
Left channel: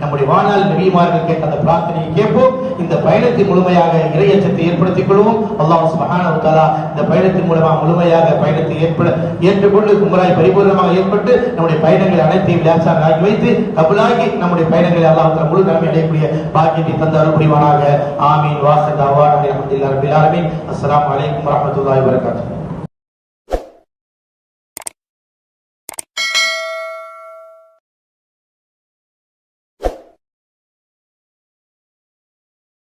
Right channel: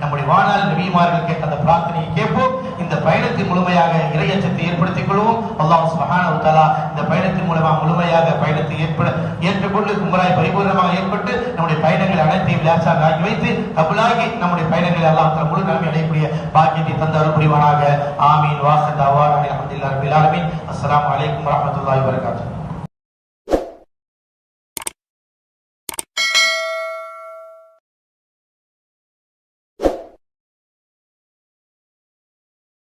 நம்முடைய வாழ்நாள் நபிமார்கள் கேட்ட அந்த பிரார்த்தனையை கேட்போம். இந்த பயணத்தின் முழுமையாக இறையச்சத்தை ஏற்படுத்திக் கொள்வோம். அல்லாஹ் சுப்ஹானஹு வ தஆலா இந்த பயணத்தின் மூலமாக முழுமையாக பயணத்தை ஏற்றுக்கொண்டு உங்களாய் பரிபூர்ணமாக ஏற்பட்டு நம்முடைய பயணங்களை அனைத்தையும் லேசாக ஆக்கி வைத்து கபூலாகி நம்முடைய பயணங்களை அல்லாஹ் முழு நன்மை அடையக்கூடிய பாக்கியத்தை தந்து அருள் புரிவானாக.